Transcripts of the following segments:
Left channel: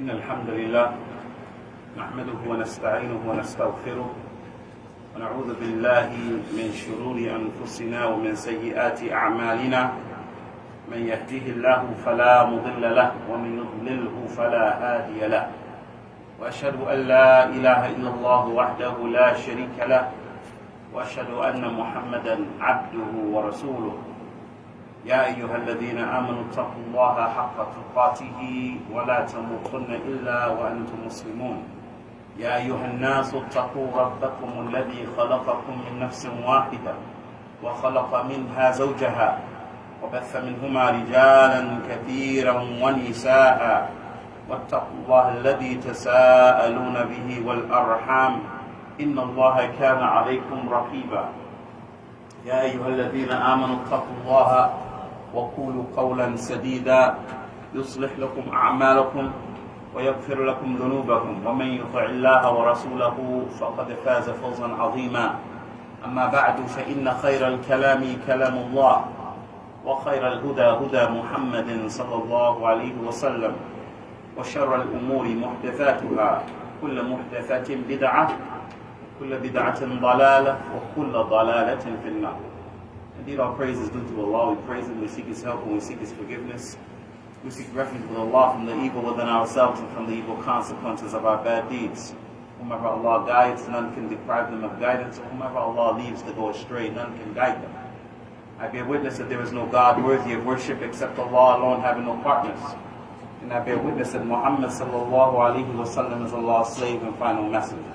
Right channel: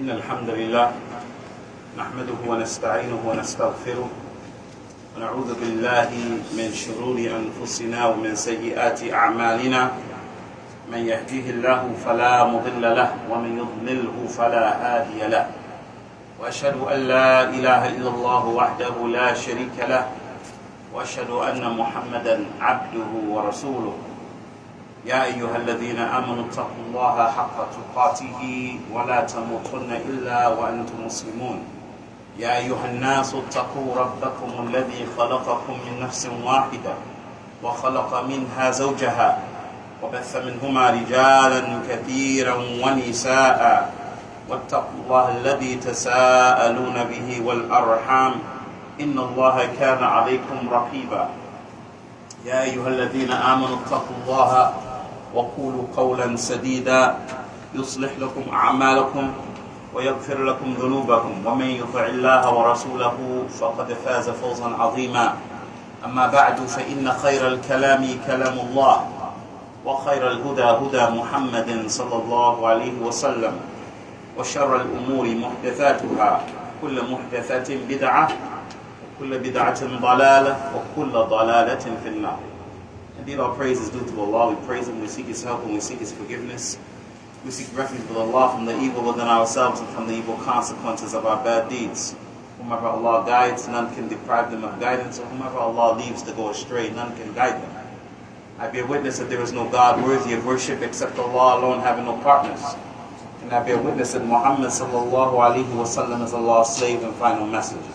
إن الحمد لله نحمده ونستعينه ونستغفره ونعوذ بالله من شرور أنفسنا ومن سيئات أعمالنا من يهديه الله فلا مضل له ومن يضلله فلا هادي له وأشهد أن لا إله إلا الله وحده لا شريك له وأشهد أن محمدا عبده ورسوله يا أيها الذين آمنوا اتقوا الله حق تقاته ولا تموتن إلا وأنتم مسلمون يا أيها الناس اتقوا ربكم الذي خلقكم من نفس واحدة وخلق منها زوجها وبث منهما رجالا كثيرا ونساء واتقوا الله الذي تساءلون به والأرحام إن الله كان عليكم رقيبا يا أيها الذين آمنوا اتقوا الله وقولوا قولا سديدا يصلح لكم أعمالكم ويغفر لكم ذنوبكم ومن يطع الله ورسوله فقد فاز فوزا عظيما أما بعد فإن خير الكلام كلام الله وخير الهدى هدى محمد صلى الله عليه وسلم وشر الأمور محدثاتها كل محدثة بدعة وكل بدعة ضلالة وكل ضلالة في النار. Indeed, all praise is due to Allah. We praise Him, we seek His help, and we seek His forgiveness. We seek refuge with Allah from the evil within ourselves and from the evil consequences of our bad deeds. Whomever Allah guides, none can deprive them of guidance, or whomever Allah leaves to go astray, none can guide them. I bear witness that there is no God worthy of worship except Allah alone, having no partners. And I bear witness that Muhammad sallallahu alaihi wasallam is Allah's slave and final messenger.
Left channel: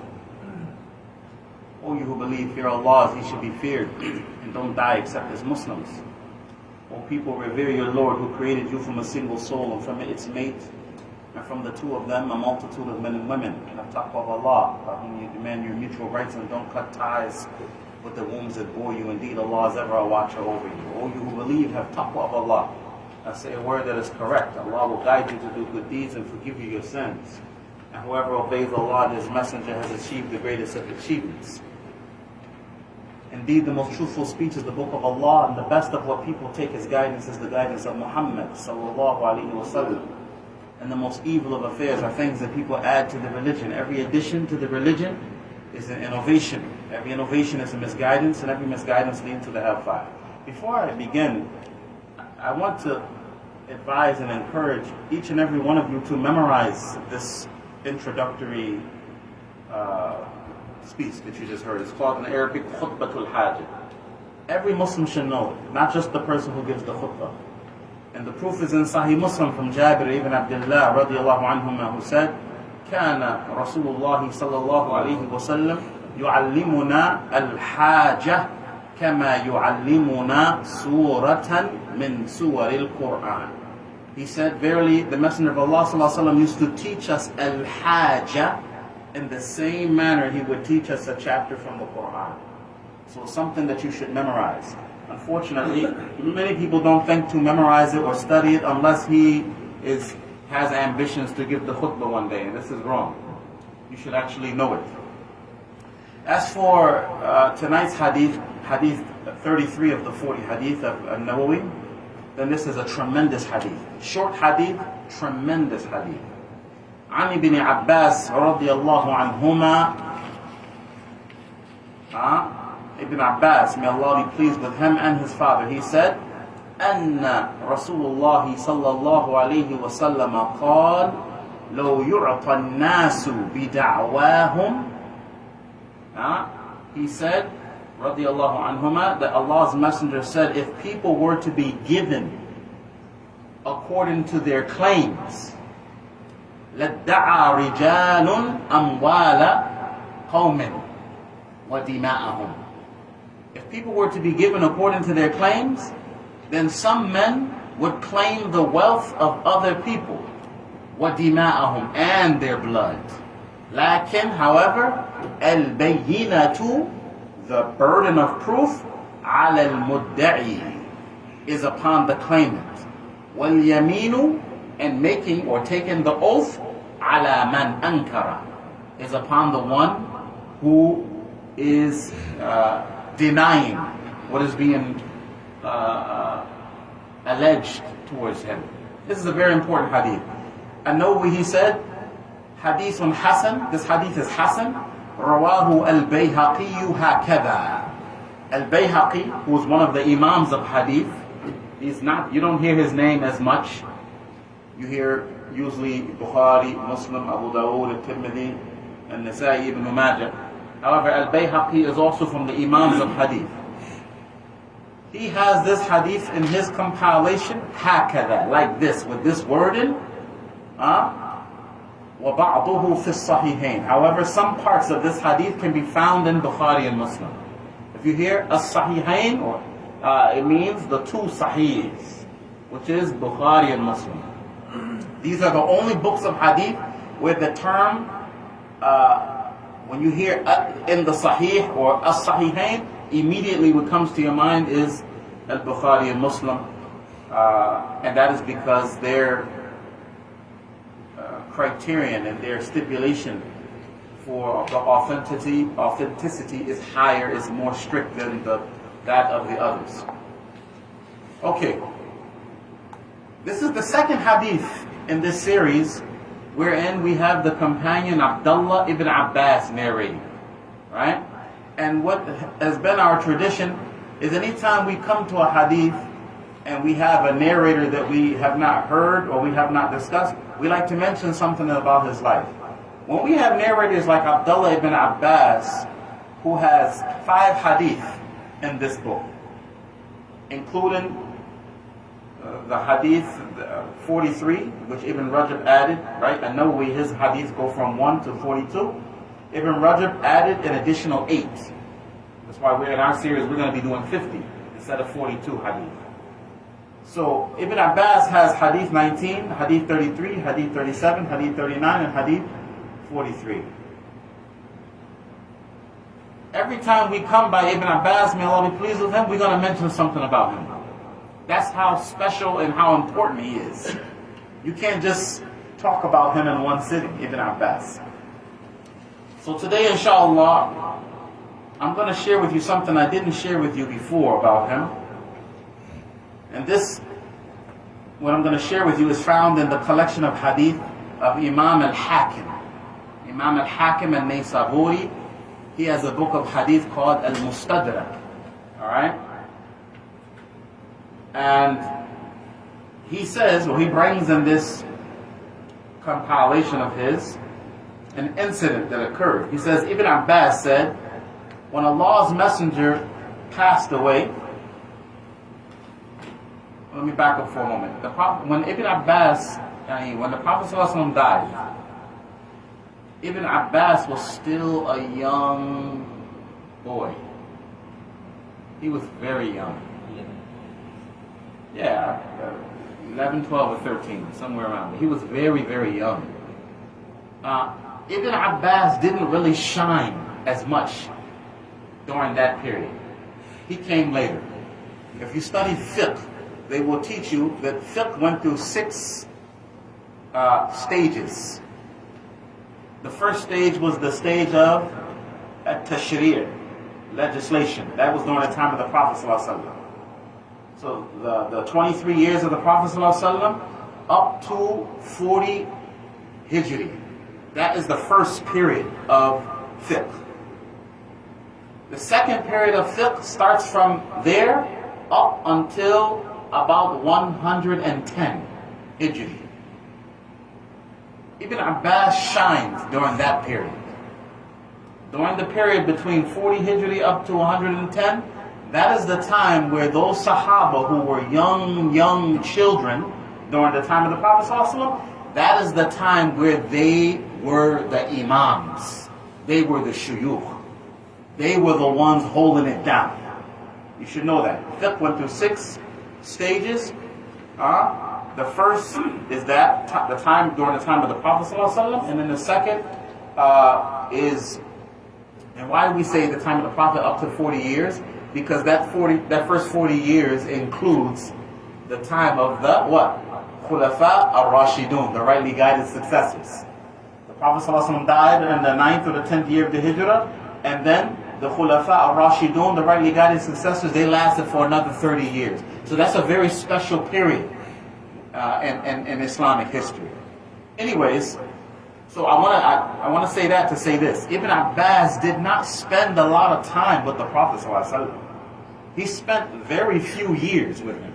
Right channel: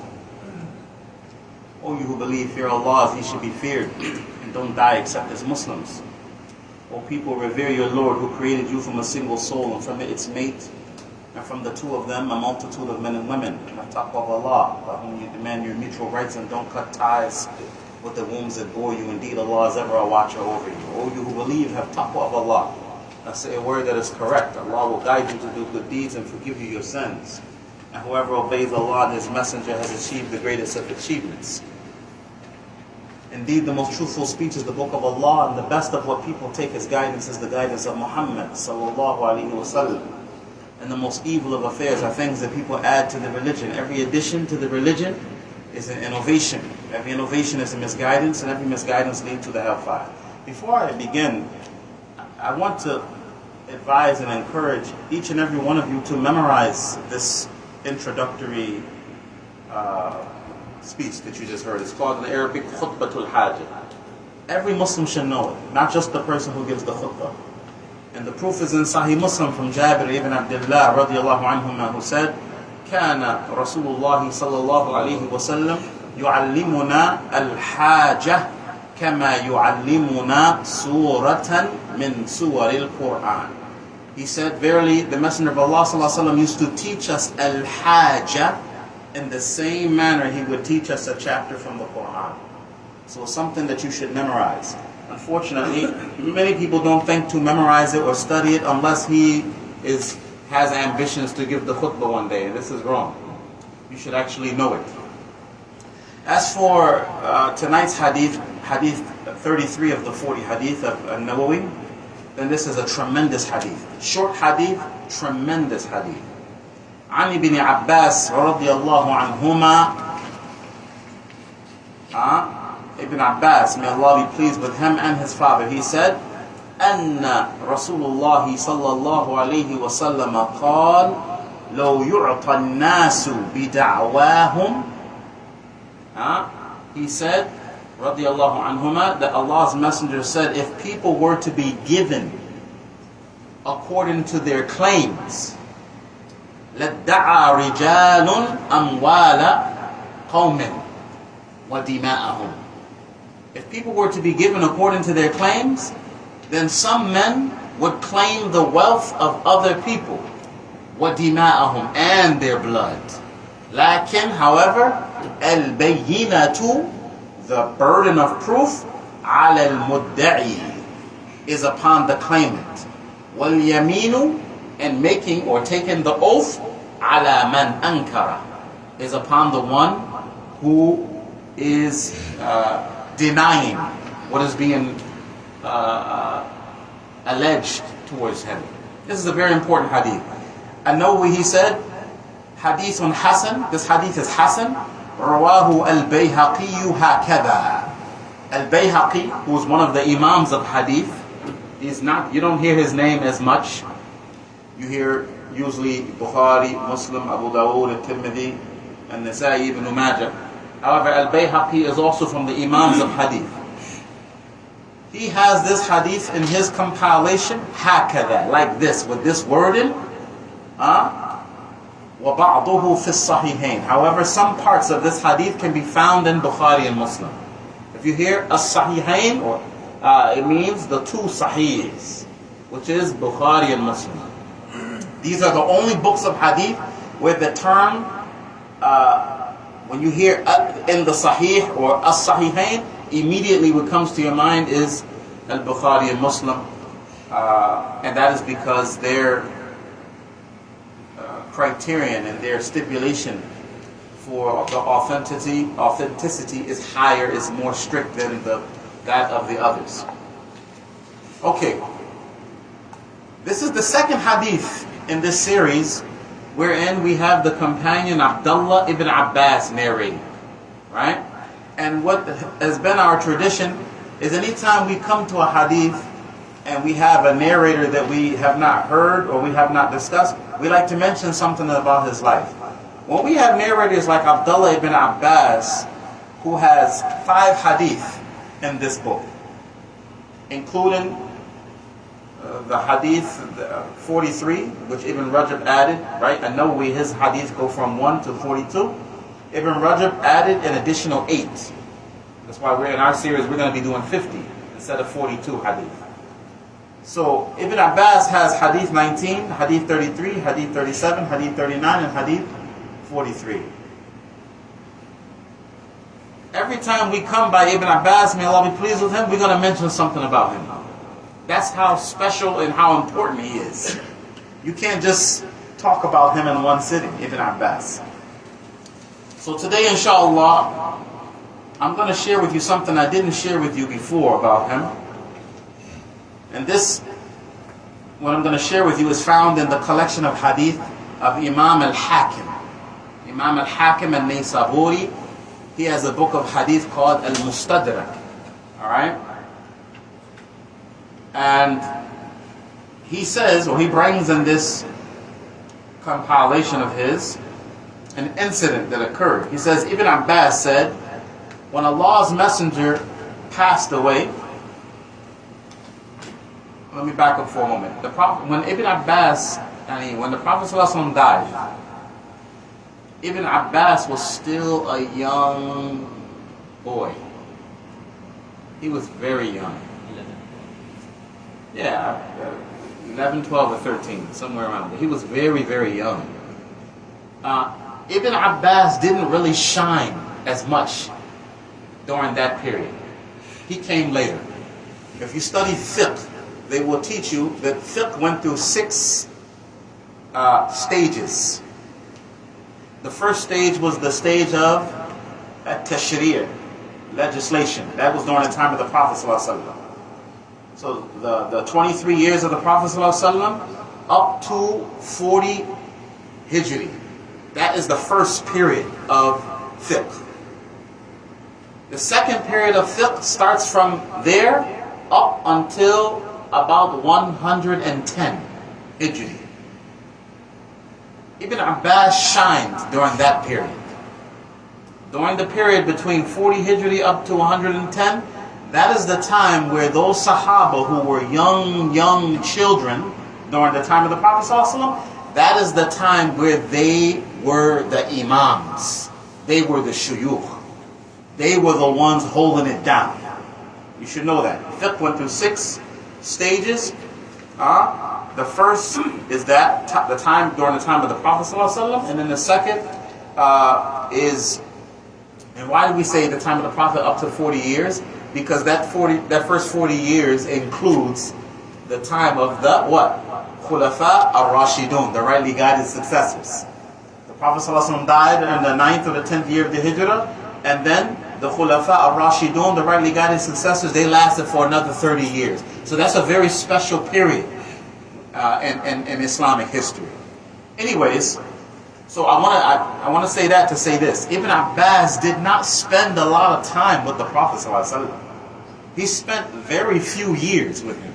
O you who believe, fear Allah as He should be feared, and don't die except as Muslims. O people, revere your Lord who created you from a single soul and from its mate, and from the two of them a multitude of men and women, and of taqwa of Allah, by whom you demand your mutual rights and don't cut ties with the wombs that bore you. Indeed, Allah is ever a watcher over you. O you who believe, have taqwa of Allah. Now say a word that is correct. Allah will guide you to do good deeds and forgive you your sins. And whoever obeys Allah and His Messenger has achieved the greatest of achievements. Indeed, the most truthful speech is the book of Allah, and the best of what people take as guidance is the guidance of Muhammad sallallahu alaihi wasallam. And the most evil of affairs are things that people add to the religion. Every addition to the religion is an innovation. Every innovation is a misguidance, and every misguidance leads to the hellfire. Before I begin, I want to advise and encourage each and every one of you to memorize this introductory speech that you just heard. It's called in Arabic khutbatul hajah. Every Muslim should know it, not just the person who gives the khutbah. And the proof is in Sahih Muslim from Jabir ibn Abdullah radiyallahu anhuma, who said, كان رسول الله صلى الله عليه وسلم يعلمنا الحاجة كما يعلمنا سورة من سور القرآن. He said, verily, the Messenger of Allah sallallahu alaihi wasallam used to teach us al-hajah in the same manner he would teach us a chapter from the Quran. So it's something that you should memorize. Unfortunately, many people don't think to memorize it or study it unless he has ambitions to give the khutbah one day, and this is wrong. You should actually know it. As for tonight's hadith, hadith 33 of the 40 hadith of An-Nawawī, then this is a tremendous hadith. Short hadith, tremendous hadith. عن ابن عباس رضي الله عنهما, Ibn Abbas, may Allah be pleased with him and his father, he said, أن رسول الله صلى الله عليه وسلم قال لو يعطى الناس بدعواهم. He said, radiyallahu anhuma, that Allah's Messenger said, if people were to be given according to their claims, لَدَّعَى رِجَالٌ أَمْوَالَ قَوْمٍ وَدِمَاءَهُمْ. If people were to be given according to their claims, then some men would claim the wealth of other people, وَدِمَاءَهُمْ, and their blood. لكن, however, الْبَيِّنَةُ, the burden of proof, عَلَى الْمُدَّعِي, is upon the claimant. وَالْيَمِينُ, and making or taking the oath, عَلَى مَنْ أَنْكَرَ, is upon the one who is denying what is being alleged towards him. This is a very important hadith. An-Nawawī, he said, Hadithun Hasan, this hadith is Hasan, Rawahu al-Bayhaqi hakadha. Al-Bayhaqi, who is one of the Imams of hadith, he's not, you don't hear his name as much. You hear usually Bukhari, Muslim, Abu Dawud, At-Tirmidhi, and Nasa'i, Ibn Majah. However, Al-Bayhaqi is also from the Imams of hadith. He has this hadith in his compilation, hakadha, like this, with this wording, وَبَعْضُهُ فِي الصَّحِيحَيْنِ. However, some parts of this hadith can be found in Bukhari and Muslim. If you hear as-Sahihain, or it means the two Sahihs, which is Bukhari and Muslim. These are the only books of hadith where the term, when you hear in the Sahih or as-Sahihain, immediately what comes to your mind is al-Bukhari and Muslim, and that is because their criterion and their stipulation for the authenticity is higher, is more strict than that of the others. Okay, this is the second hadith in this series wherein we have the companion Abdullah ibn Abbas narrating, right? And what has been our tradition is anytime we come to a hadith and we have a narrator that we have not heard or we have not discussed, we like to mention something about his life. When we have narrators like Abdullah ibn Abbas, who has 5 hadith in this book, including the hadith 43, which Ibn Rajab added, right? An-Nawawī, his hadith go from 1 to 42. Ibn Rajab added an additional 8. That's why we're in our series, we're going to be doing 50 instead of 42 hadith. So Ibn Abbas has hadith 19, hadith 33, hadith 37, hadith 39, and hadith 43. Every time we come by Ibn Abbas, may Allah be pleased with him, we're going to mention something about him. That's how special and how important he is. You can't just talk about him in one sitting, Ibn Abbas. So today, inshallah, I'm going to share with you something I didn't share with you before about him. And this, what I'm going to share with you, is found in the collection of hadith of Imam al-Hakim. Imam al-Hakim An-Nawawī, he has a book of hadith called Al-Mustadrak. Alright? And he says, or he brings in this compilation of his, an incident that occurred. He says, Ibn Abbas said, when Allah's Messenger passed away, let me back up for a moment. When Ibn Abbas, when the Prophet ﷺ died, Ibn Abbas was still a young boy. He was very young. 11, 12, or 13, somewhere around there. He was very, very young. Ibn Abbas didn't really shine as much during that period. He came later. If you study fiqh, they will teach you that fiqh went through 6 stages. The first stage was the stage of At-Tashri'ah, legislation. That was during the time of the Prophet ﷺ. So the 23 years of the Prophet ﷺ up to 40 Hijri. That is the first period of fiqh. The second period of fiqh starts from there up until about 110 Hijri. Ibn Abbas shined during that period. During the period between 40 Hijri up to 110, that is the time where those Sahaba who were young children during the time of the Prophet ﷺ, that is the time where they were the Imams. They were the Shuyukh. They were the ones holding it down. You should know that. Fiqh went through 6 stages. The first is that the time during the time of the Prophet ﷺ, and then the second is, and why do we say the time of the Prophet up to 40 years? Because that first 40 years includes the time of the what? Khulafa al-Rashidun, the rightly guided successors. The Prophet ﷺ died in the 9th or the 10th year of the Hijrah, and then the Khulafa al-Rashidun, the rightly guided successors, they lasted for another 30 years. So that's a very special period in Islamic history. Anyways, so I want to say that to say this. Ibn Abbas did not spend a lot of time with the Prophet ﷺ. He spent very few years with him.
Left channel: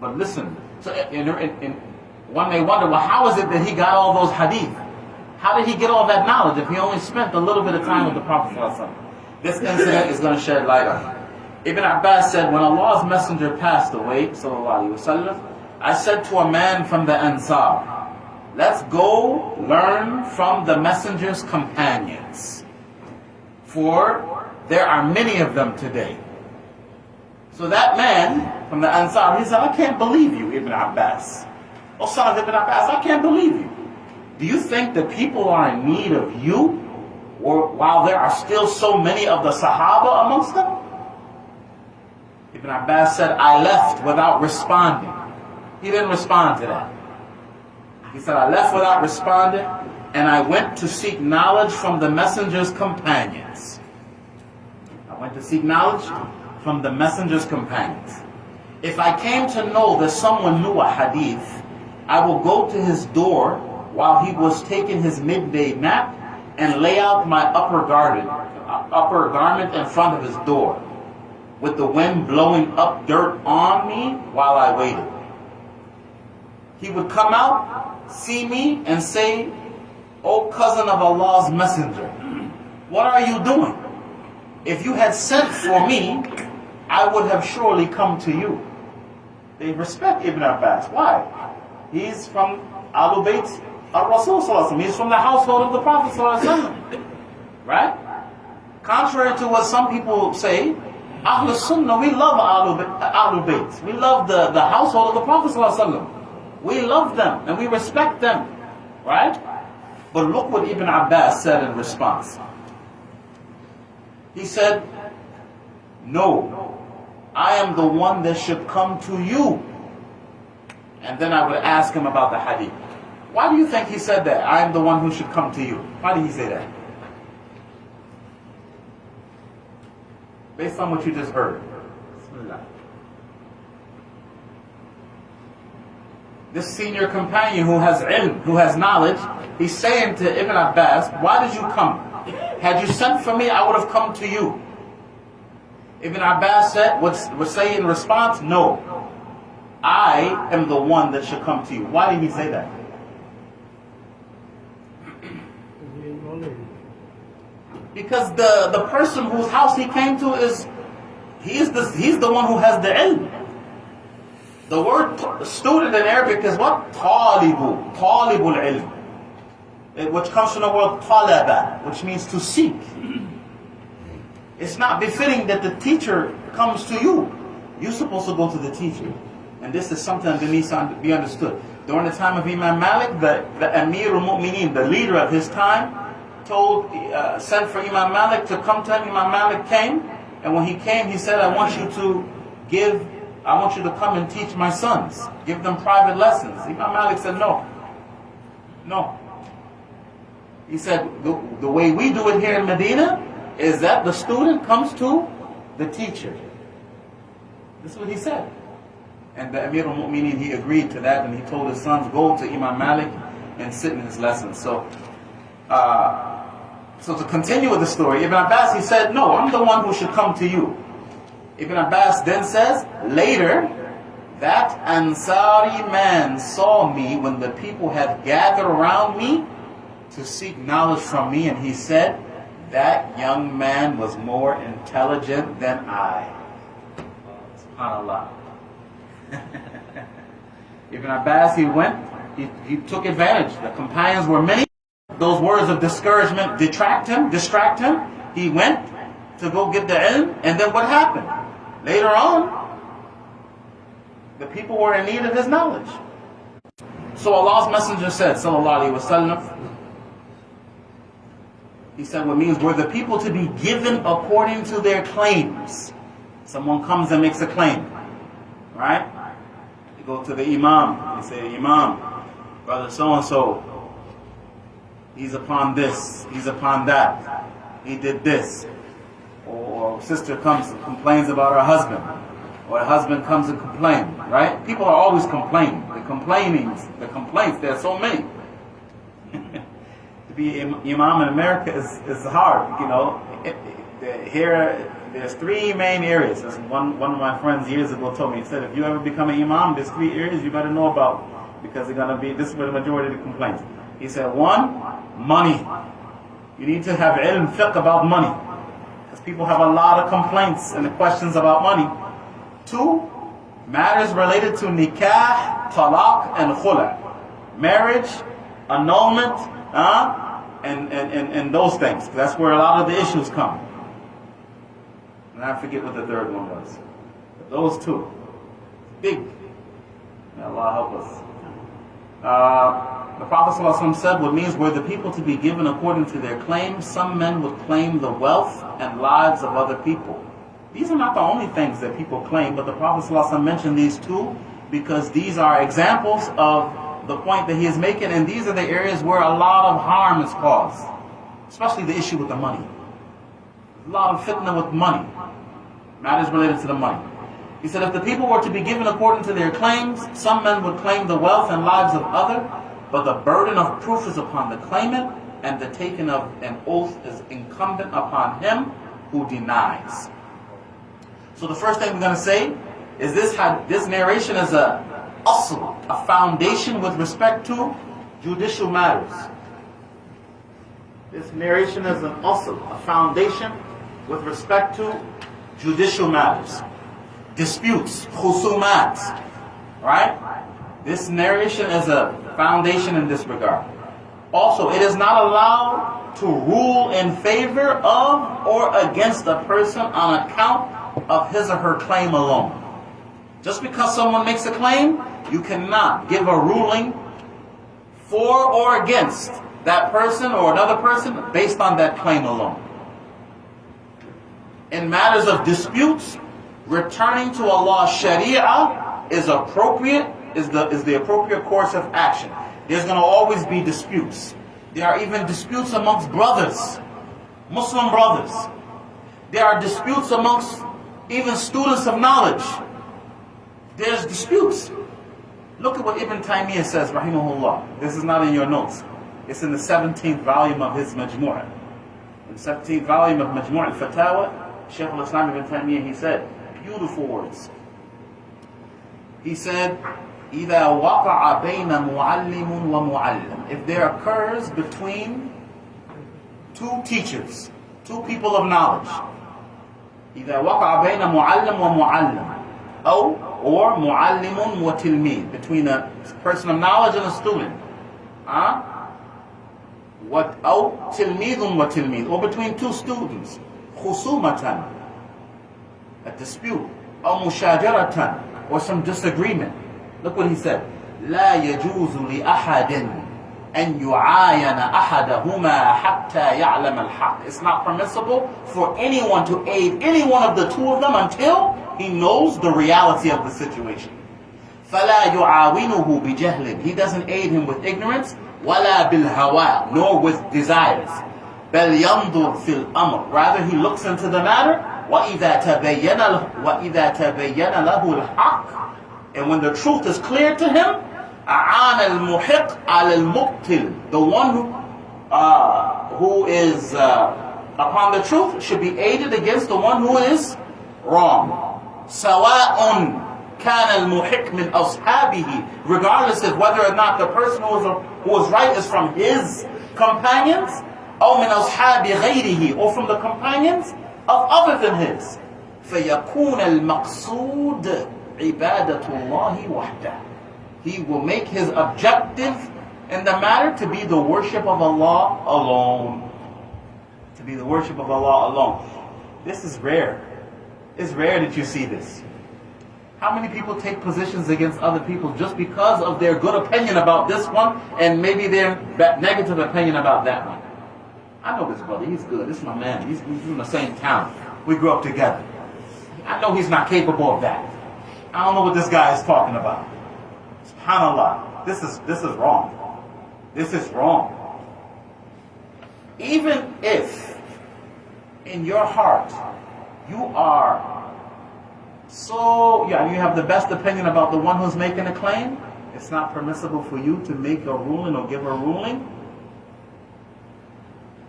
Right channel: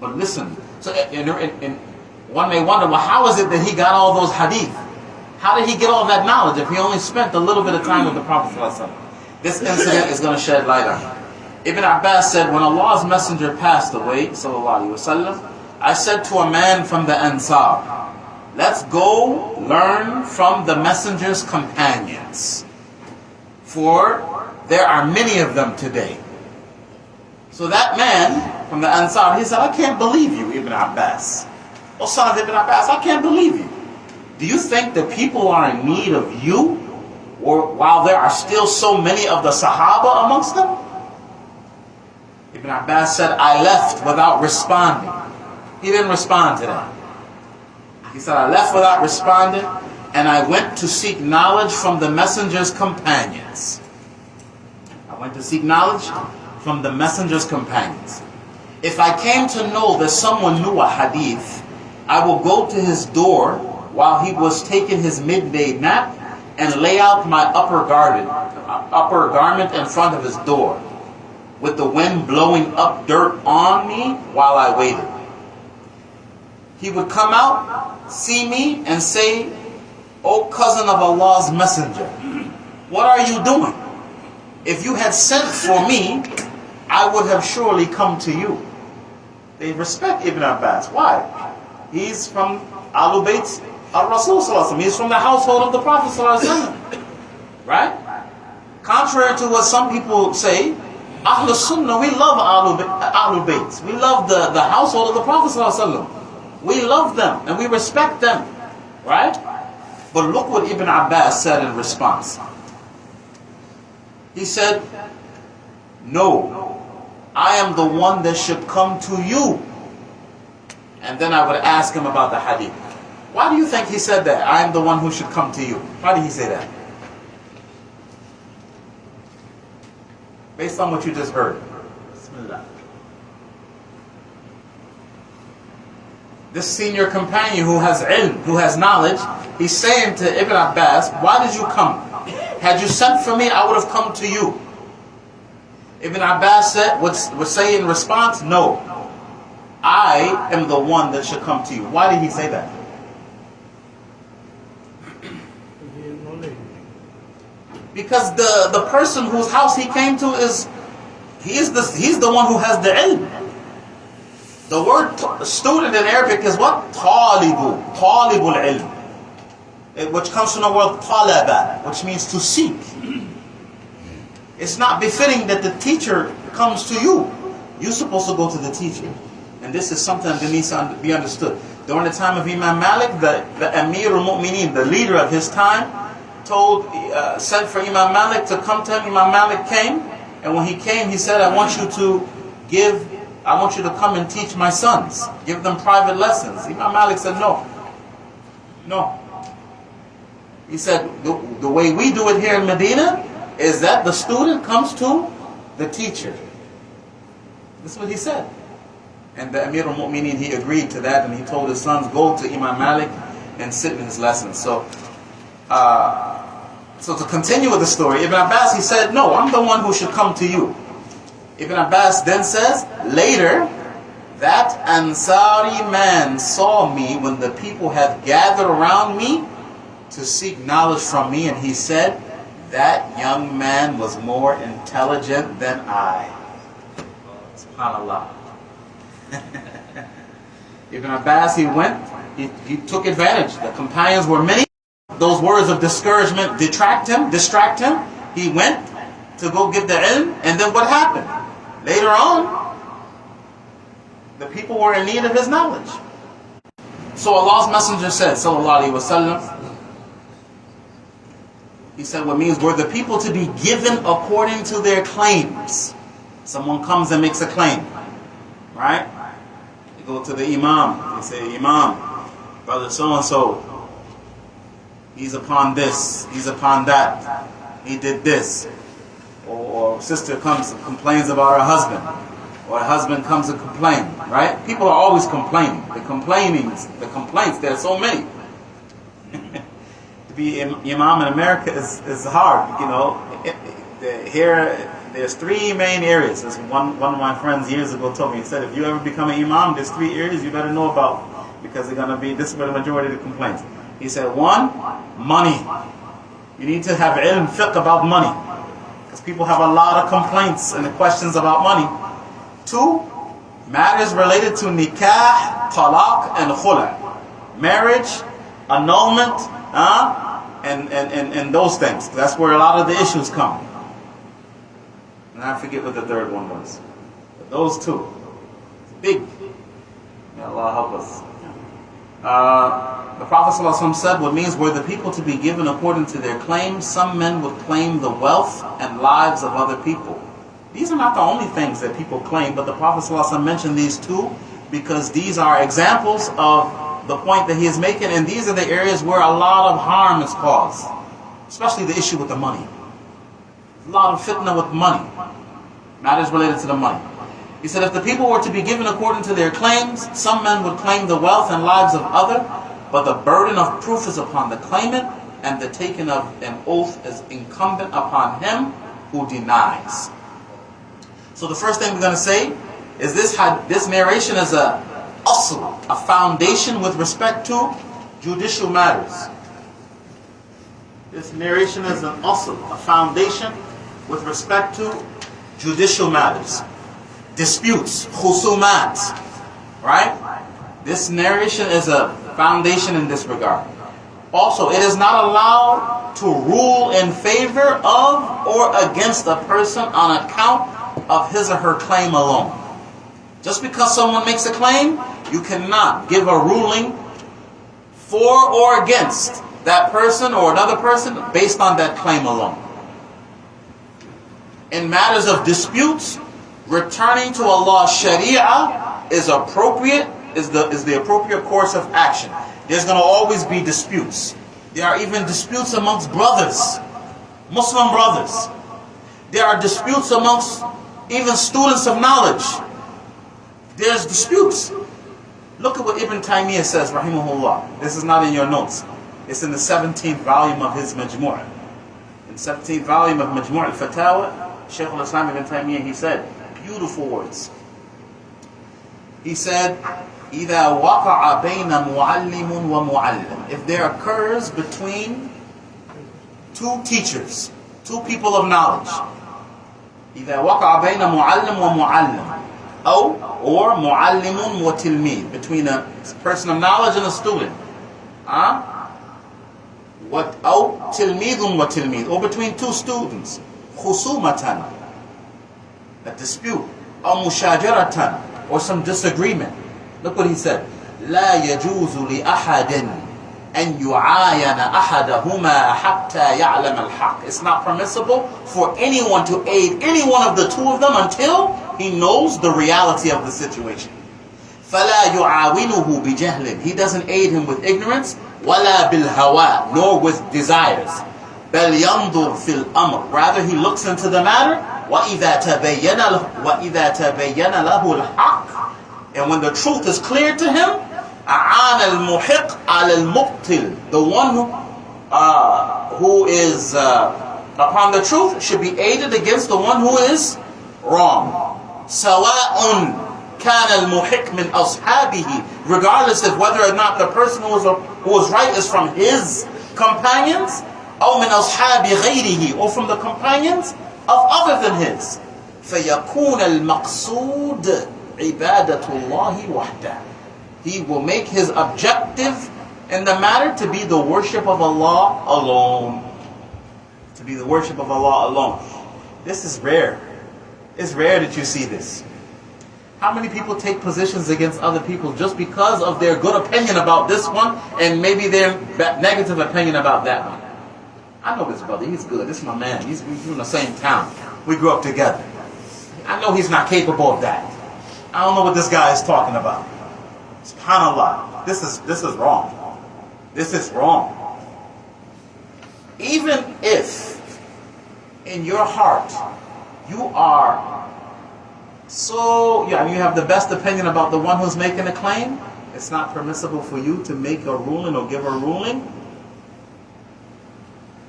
But listen, so one may wonder, well, how is it that he got all those hadith? How did he get all that knowledge if he only spent a little bit of time with the Prophet ﷺ? This incident is going to shed light on it. Ibn Abbas said, when Allah's messenger passed away, sallallahu alaihi wasallam, I said to a man from the Ansar, let's go learn from the messenger's companions, for there are many of them today. So that man from the Ansar, he said, I can't believe you, Ibn Abbas. Oh, son of Ibn Abbas, I can't believe you. Do you think that people are in need of you, or while there are still so many of the Sahaba amongst them? Ibn Abbas said, I left without responding. He didn't respond to that. He said, I left without responding, and I went to seek knowledge from the messenger's companions. I went to seek knowledge from the messenger's companions. If I came to know that someone knew a hadith, I will go to his door while he was taking his midday nap and lay out my upper garment in front of his door, with the wind blowing up dirt on me while I waited. He would come out, see me, and say, O cousin of Allah's messenger, what are you doing? If you had sent for me, I would have surely come to you. They respect Ibn Abbas. Why? He's from Ahlul Bayt al-Rasul sallallahu alaihi wasallam. He's from the household of the Prophet sallallahu alaihi wasallam. Right? Contrary to what some people say, Ahlul Sunnah, we love Ahlul Bayt. We love the household of the Prophet sallallahu alaihi wasallam. We love them and we respect them. Right? But look what Ibn Abbas said in response. He said, no, I am the one that should come to you. And then I would ask him about the hadith. Why do you think he said that? I am the one who should come to you. Why did he say that? Based on what you just heard. Bismillah. This senior companion who has ilm, who has knowledge, he's saying to Ibn Abbas, why did you come? Had you sent for me, I would have come to you. Ibn Abbas would say in response, no, I am the one that should come to you. Why did he say that? Because the person whose house he came to he's the one who has the ilm. The word student in Arabic is what? Talibul ilm, which comes from the word talaba, which means to seek. It's not befitting that the teacher comes to you. You're supposed to go to the teacher. And this is something that needs to be understood. During the time of Imam Malik, the Amir al-Mu'mineen, the leader of his time, sent for Imam Malik to come to him. Imam Malik came, and when he came, he said, I want you to come and teach my sons. Give them private lessons. Imam Malik said, no. He said, the way we do it here in Medina is that the student comes to the teacher. This is what he said. And the Amir al-Mu'mineen, he agreed to that, and he told his sons, go to Imam Malik and sit in his lessons. So to continue with the story, Ibn Abbas, he said, no, I'm the one who should come to you. Ibn Abbas then says, later, that Ansari man saw me when the people had gathered around me to seek knowledge from me, and he said, that young man was more intelligent than I. SubhanAllah. Ibn Abbas, he went, he took advantage. The companions were many. Those words of discouragement distract him. He went to go get the ilm, and then what happened? Later on, the people were in need of his knowledge. So Allah's Messenger said, sallallahu alaihi wasallam, he said, what means were the people to be given according to their claims. Someone comes and makes a claim, right? They go to the Imām. They say, Imām, brother so-and-so, he's upon this, he's upon that, he did this. Or sister comes and complains about her husband. Or a husband comes and complains, right? People are always complaining. The complaints, there are so many. To be Imam in America is hard, you know. Here, there's three main areas. As one of my friends years ago told me, he said, if you ever become an Imam, there's three areas you better know about, because they're going to be, this is where the majority of the complaints. He said, one, money. You need to have ilm fiqh about money, because people have a lot of complaints and questions about money. Two, matters related to nikah, talaq, and khula. Marriage, annulment, and those things. That's where a lot of the issues come. And I forget what the third one was. But those two, big. May Allah help us. The Prophet ﷺ said, what means were the people to be given according to their claims, some men would claim the wealth and lives of other people. These are not the only things that people claim, but the Prophet ﷺ mentioned these two because these are examples of the point that he is making, and these are the areas where a lot of harm is caused, especially the issue with the money. A lot of fitna with money, matters related to the money. He said, if the people were to be given according to their claims, some men would claim the wealth and lives of others, but the burden of proof is upon the claimant, and the taking of an oath is incumbent upon him who denies. So the first thing we're going to say is this narration is a asl, a foundation with respect to judicial matters. This narration is an asl, a foundation with respect to judicial matters. Disputes, khusumat, right? This narration is a foundation in this regard. Also, it is not allowed to rule in favor of or against a person on account of his or her claim alone. Just because someone makes a claim, you cannot give a ruling for or against that person or another person based on that claim alone. In matters of disputes, returning to Allah's Sharia is appropriate, is the appropriate course of action. There's going to always be disputes. There are even disputes amongst brothers, Muslim brothers. There are disputes amongst even students of knowledge. There's disputes. Look at what Ibn Taymiyyah says, rahimahullah. This is not in your notes. It's in the 17th volume of his Majmu'. In the 17th volume of Majmu' al-Fatawa, Shaykh al-Islam Ibn Taymiyyah, he said, beautiful words. He said, إِذَا وَقَعَ بَيْنَ مُعَلِّمٌ وَمُعَلِّمٌ. If there occurs between two teachers, two people of knowledge, إِذَا وَقَعَ بَيْنَ مُعَلِّمٌ وَمُعَلِّمٌ, or مُعَلِّمٌ وَتِلْمِيذٌ, between a person of knowledge and a student, أو تِلْمِيذٌ وَتِلْمِيذٌ, or between two students, خُصُومَةً, a dispute, أو مُشَاجَرَةً, or some disagreement. Look what he said. لا يجوز لأحد أن يعاين أحدهما حتى يعلم الحق. It's not permissible for anyone to aid any one of the two of them until he knows the reality of the situation. فلا يعاونه بجهل. He doesn't aid him with ignorance. ولا بالهوى, nor with desires. بل ينظر في الأمر. Rather he looks into the matter. وإذا تبين له الحق. And when the truth is clear to him, أعان المحق على المبطل. The one who is upon the truth should be aided against the one who is wrong. سواء كان المحق من أصحابه, regardless of whether or not the person who was right is from his companions, أو من أصحاب غيره, or from the companions of other than his. فيكون المقصود عبادة الله وحده. He will make his objective in the matter to be the worship of Allah alone. To be the worship of Allah alone. This is rare. It's rare that you see this. How many people take positions against other people just because of their good opinion about this one and maybe their negative opinion about that one? I know this brother, he's good. This is my man. We're in the same town. We grew up together. I know he's not capable of that. I don't know what this guy is talking about. SubhanAllah. This is wrong. This is wrong. Even if in your heart you are you have the best opinion about the one who's making a claim, it's not permissible for you to make a ruling or give a ruling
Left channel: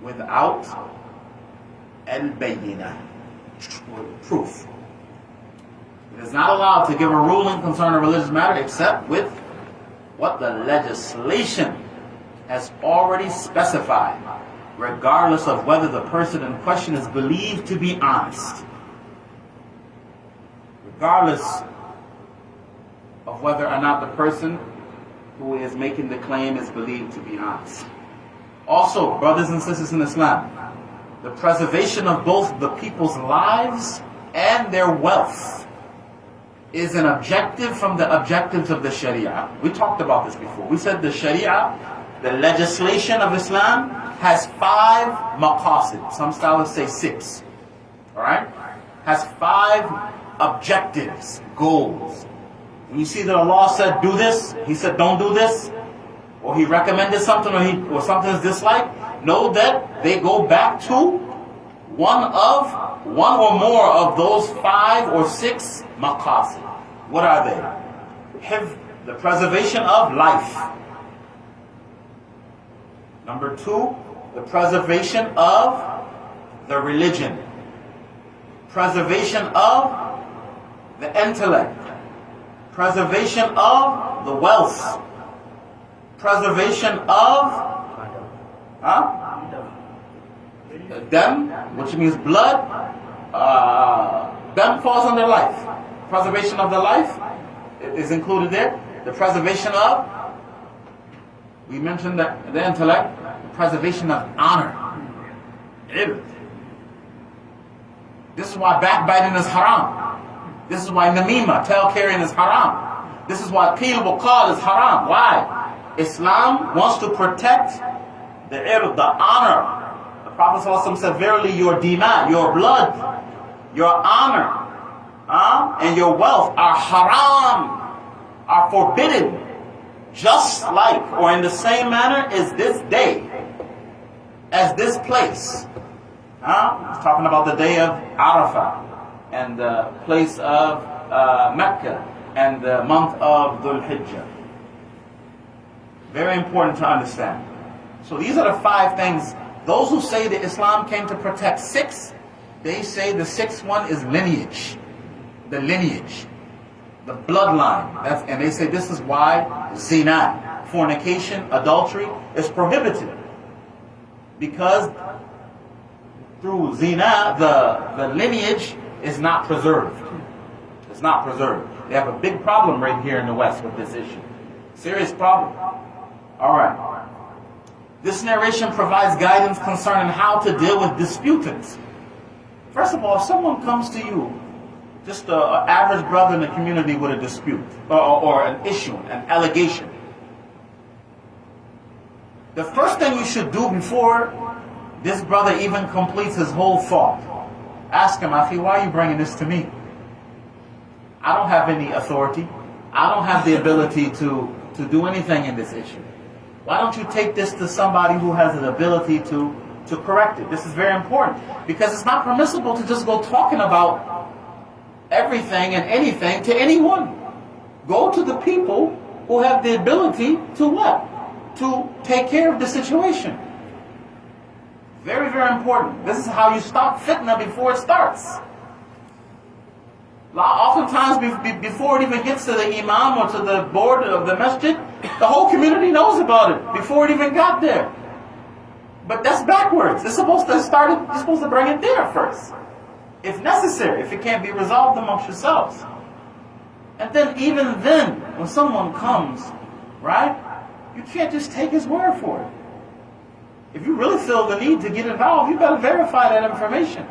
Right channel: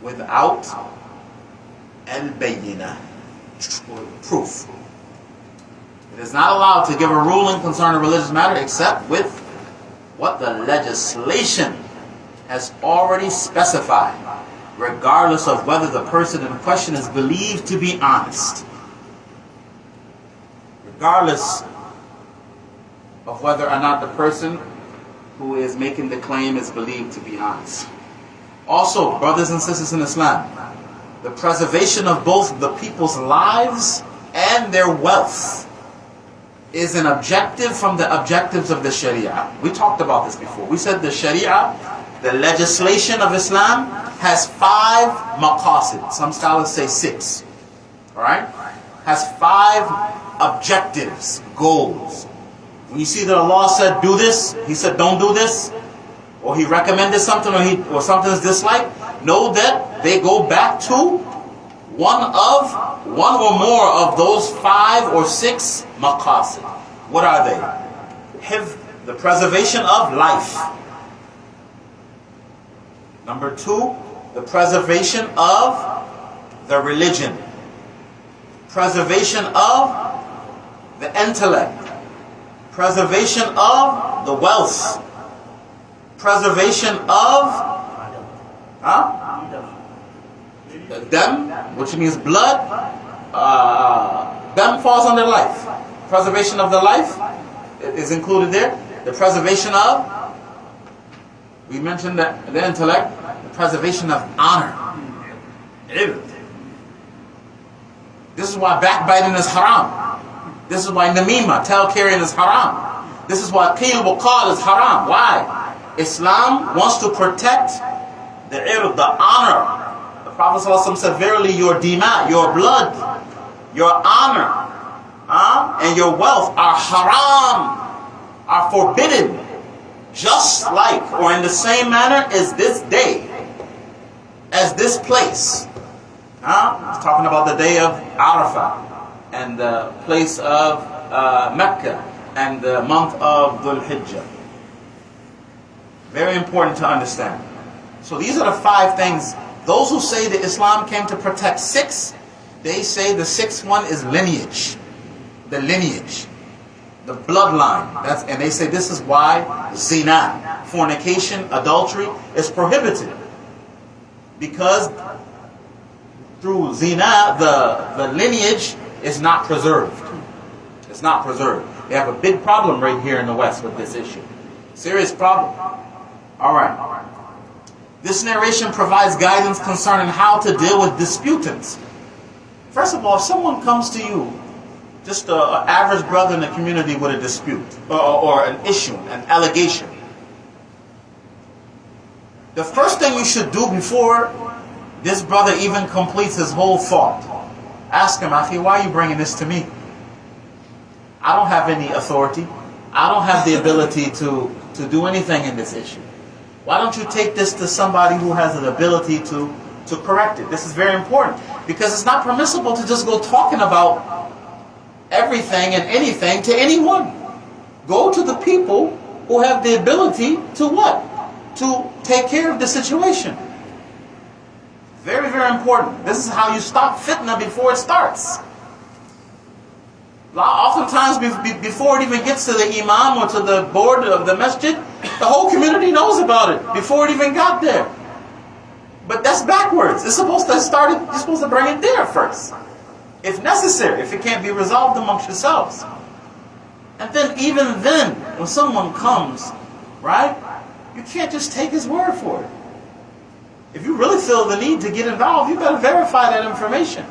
without al-bayyinah, proof. It is not allowed to give a ruling concerning a religious matter except with what the legislation has already specified, regardless of whether the person in question is believed to be honest. Regardless of whether or not the person who is making the claim is believed to be honest. Also, brothers and sisters in Islam, the preservation of both the people's lives and their wealth is an objective from the objectives of the Sharia. We talked about this before. We said the Sharia, the legislation of Islam, has 5 maqasid. Some scholars say 6. Alright? Has 5 objectives, goals. When you see that Allah said do this, He said don't do this, or He recommended something, or something is disliked, know that they go back to one or more of those 5 or 6 maqasid. What are they? The preservation of life. Number 2, the preservation of the religion. Preservation of the intellect. Preservation of the wealth. Preservation of dam, which means blood. Dam falls under life. Preservation of the life is included there. The preservation of, we mentioned that the intellect, the preservation of honor. This is why backbiting is haram. This is why namima, tale carrying, is haram. This is why qeel wa qal is haram. Why? Islam wants to protect the ird, the honor. The Prophet ﷺ said, verily your dima, your blood, your honor, and your wealth are haram, are forbidden, just like, or in the same manner as this day, as this place. It's talking about the day of Arafah, and the place of Mecca, and the month of Dhul Hijjah. Very important to understand. So these are the 5 things. Those who say that Islam came to protect 6, they say the 6th one is lineage. The lineage. The bloodline. And they say this is why zina, fornication, adultery is prohibited. Because through zina, the lineage is not preserved. It's not preserved. They have a big problem right here in the West with this issue. Serious problem. Alright. This narration provides guidance concerning how to deal with disputants. First of all, if someone comes to you, just an average brother in the community with a dispute, or an issue, an allegation, the first thing you should do before this brother even completes his whole thought, ask him, Akhi, why are you bringing this to me? I don't have any authority. I don't have the ability to do anything in this issue. Why don't you take this to somebody who has an ability to correct it? This is very important, because it's not permissible to just go talking about everything and anything to anyone. Go to the people who have the ability to what? To take care of the situation. Very, very important. This is how you stop fitna before it starts. Oftentimes, before it even gets to the Imam or to the board of the masjid, the whole community knows about it before it even got there. But that's backwards. It's supposed to start it, you're supposed to bring it there first, if necessary, if it can't be resolved amongst yourselves. And then, even then, when someone comes, right, you can't just take his word for it. If you really feel the need to get involved, you better verify that information.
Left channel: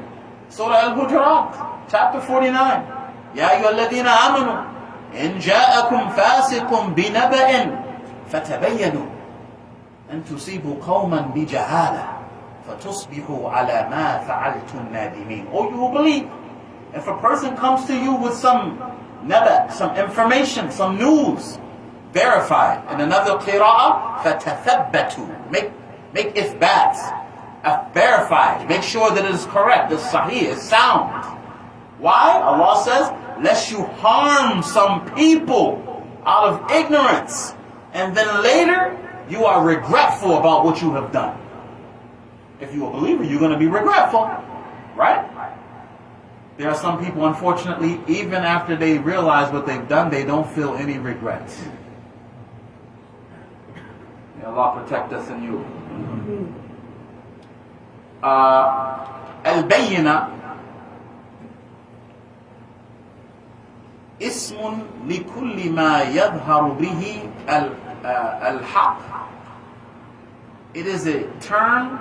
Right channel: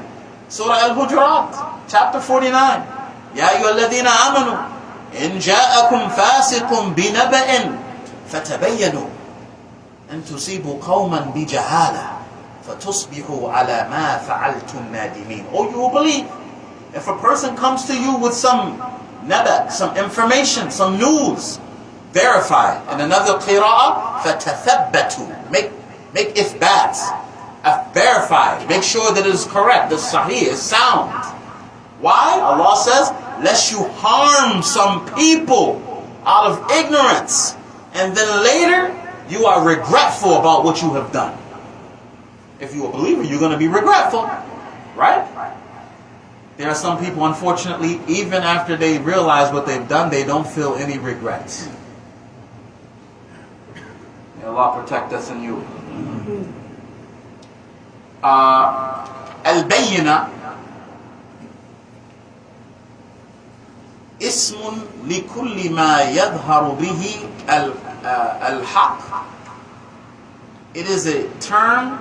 Surah Al-Hujurat, chapter 49. يا أيها الذين آمنوا إن جاءكم فاسق بنبأ فتبينوا أن تصيبوا قوما بجهالة فتصبحوا على ما فعلتم نادمين. Oh, you will believe. If a person comes to you with some naba, some information, some news, verify it. In another qira'ah, فَتَثَبَّتُوا. Make ithbats. Verify it. Make sure that it is correct, that sahih is sound. Why? Allah says, lest you harm some people out of ignorance, and then later you are regretful about what you have done. If you're a believer, you're going to be regretful, right? There are some people, unfortunately, even after they realize what they've done, they don't feel any regrets. May Allah protect us and you. Al-Bayyina اسم لكل ما يظهر به الحق. It is a term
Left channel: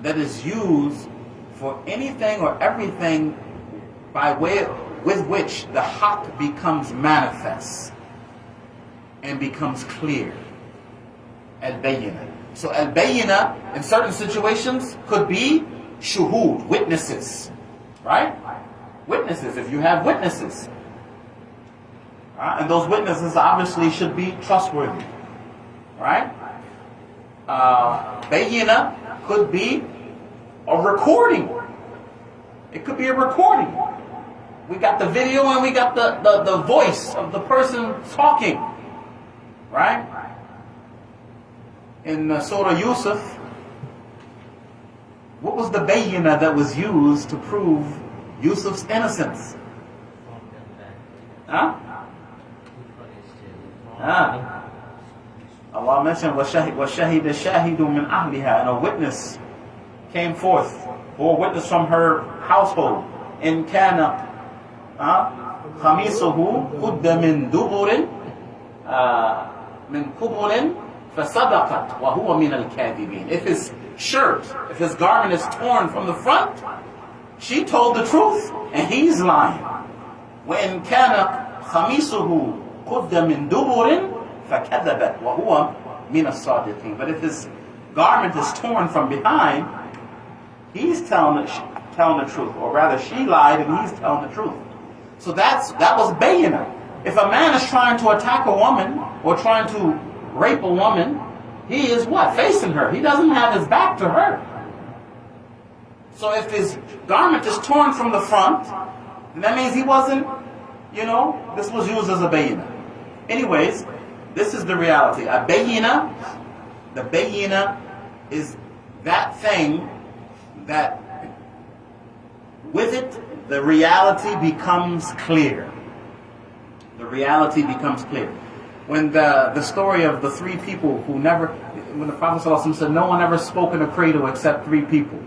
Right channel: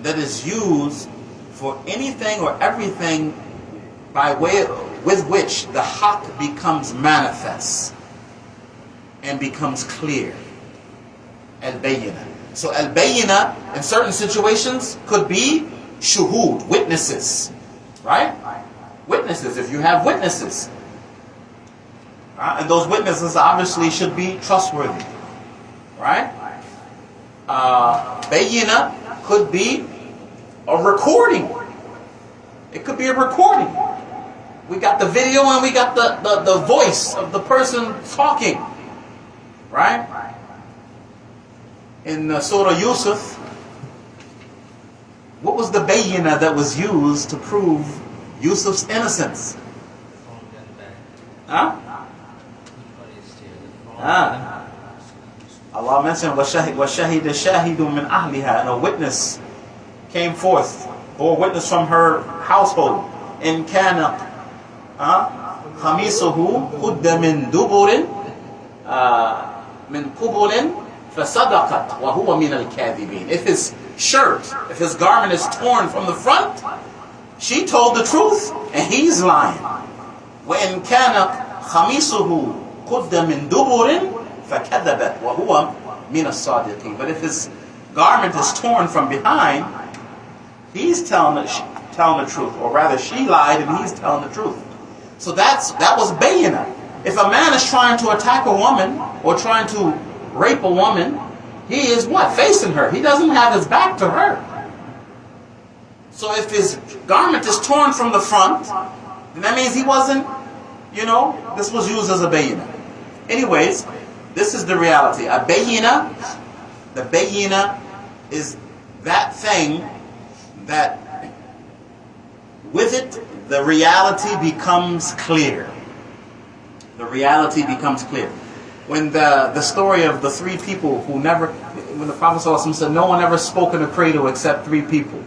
that is used for anything or everything by way with which the haqq becomes manifest and becomes clear. Al-Bayyina. So Al-Bayyina in certain situations could be shuhud, witnesses, right? Witnesses, if you have witnesses. And those witnesses obviously should be trustworthy, right? Bayyina could be a recording. It could be a recording. We got the video and we got the voice of the person talking, right? In Surah Yusuf, what was the bayyina that was used to prove Yusuf's innocence? Huh? Allah mentioned وَشَهِدَ شَاهِدٌ مِّنْ أَهْلِهَا, and a witness came forth, or a witness from her household. إِنْ كَانَ خَمِيصُهُ قُدَّ مِنْ دُبُرٍ مِنْ قُبُلٍ فَصَدَقَتْ وَهُوَ مِنَ الْكَاذِبِينَ. If his shirt, if his garment is torn from the front, she told the truth and he's lying. وَإِنْ كَانَ خَمِيصُهُ قُدَّ مِنْ دُبُرٍ فَكَذَبَتْ وَهُوَ مِنَ الصَّادِقِينَ. But if his garment is torn from behind, he's telling the truth, or rather she lied and he's telling the truth. So that was bayyinah. If a man is trying to attack a woman or trying to rape a woman, he is what? Facing her. He doesn't have his back to her. So if his garment is torn from the front, then that means he wasn't, this was used as a bayyinah. Anyways, this is the reality. A bayyinah, the bayyinah is that thing that with it, the reality becomes clear. The reality becomes clear. When the story of the three people when the Prophet ﷺ said, no one ever spoke in a cradle except three people.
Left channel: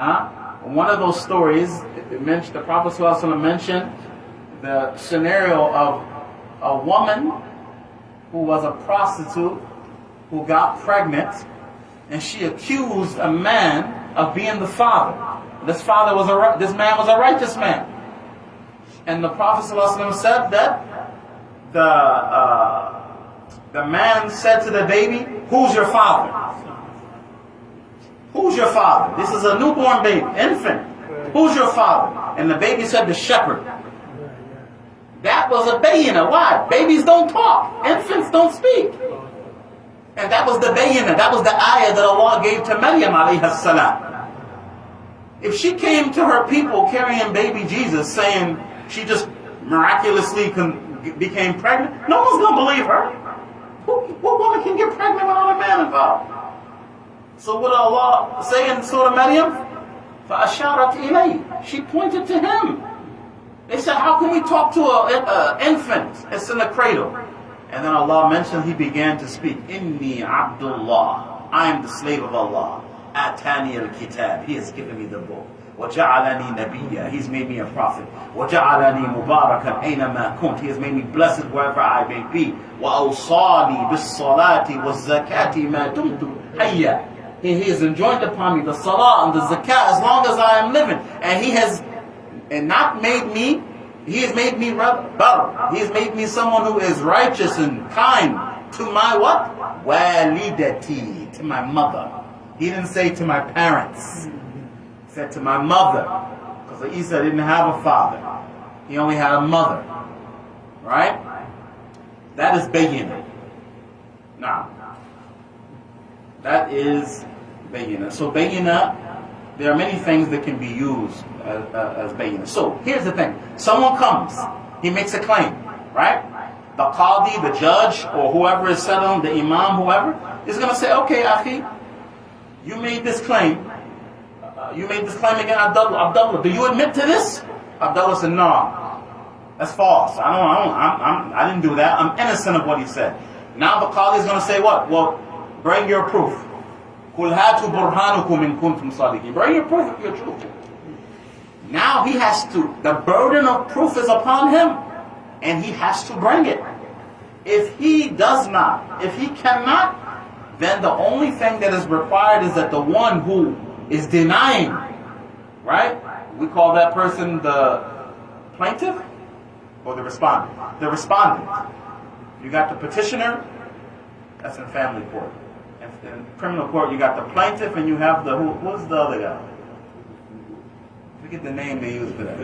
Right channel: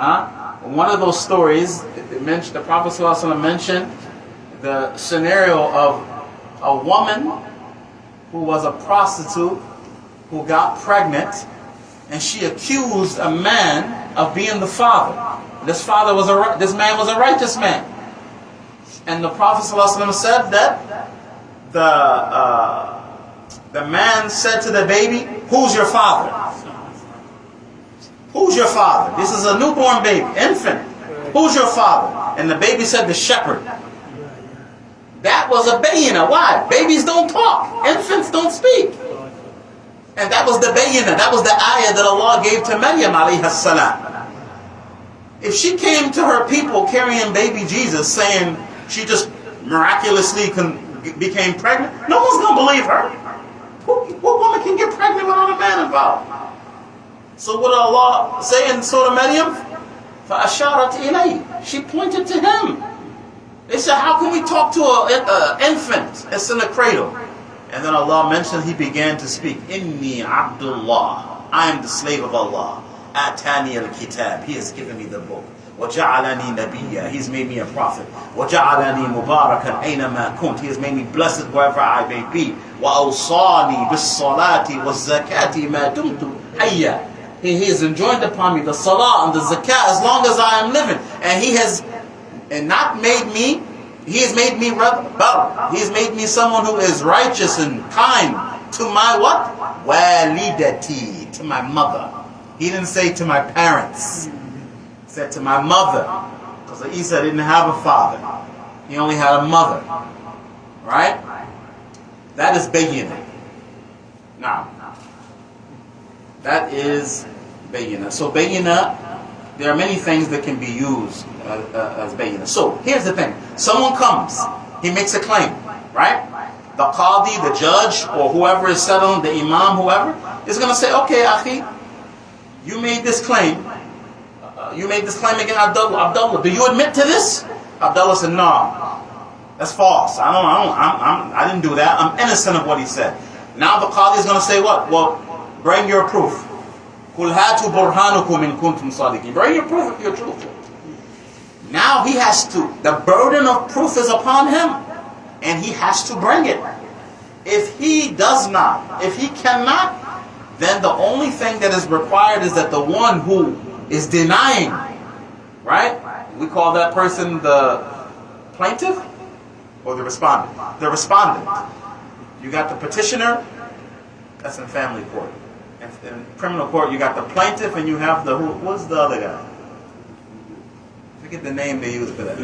One of those stories, the Prophet ﷺ mentioned the scenario of a woman who was a prostitute who got pregnant, and she accused a man of being the father. This man was a righteous man. And the Prophet ﷺ said that the man said to the baby, "Who's your father? Who's your father? This is a newborn baby, infant. Who's your father?" And the baby said, "The shepherd." That was a bayyinah. Why? Babies don't talk. Infants don't speak. And that was the bayyinah. That was the ayah that Allah gave to Maryam alayhi salam. If she came to her people carrying baby Jesus, saying she just miraculously became pregnant, no one's going to believe her. What woman can get pregnant without a man involved? So what did Allah say in Surah Maryam? فَأَشَارَتْ إِلَيْهِ. She pointed to him. They said, how can we talk to an infant? It's in a cradle. And then Allah mentioned, He began to speak. Inni Abdullah. I am the slave of Allah. Atani al-kitab. He has given me the book. وَجَعَلَنِي نَبِيًّا. He's made me a prophet. وَجَعَلَنِي مُبَارَكًا أَيْنَمَا كُنْتُ. He has made me blessed wherever I may be. وَأَوْصَانِي بِالصَّلَاةِ وَالزَّكَاةِ مَا دُمْتُ حَيًّا. He has enjoined upon me the salah and the zakah as long as I am living. And He has not made me, He has made me better. He has made me someone who is righteous and kind to my what? Walidati, to my mother. He didn't say to my parents. He said to my mother. Because Isa didn't have a father. He only had a mother. Right? That is bayyinah. Now, that is bayyinah. So bayyinah, there are many things that can be used as bayyinah. So here's the thing. Someone comes, he makes a claim, right? The qadi, the judge, or whoever is settling, the imam, whoever, is going to say, okay, akhi, you made this claim. You made this claim against Abdullah. Abdullah, do you admit to this? Abdullah said, no, that's false. I didn't do that. I'm innocent of what he said. Now the qadi is going to say what? Well, bring your proof. قُلْ هَاتُوا بُرْهَانُكُمْ إِن كُنتُمْ صَادِقِينَ. Bring your proof if you're truthful. Now he has to, the burden of proof is upon him, and he has to bring it. If he does not, if he cannot, then the only thing that is required is that the one who is denying, right? We call that person the plaintiff or the respondent. The respondent. You got the petitioner, that's in family court. In criminal court, you got the plaintiff and you have the, what's the other guy? Forget the name they use for that.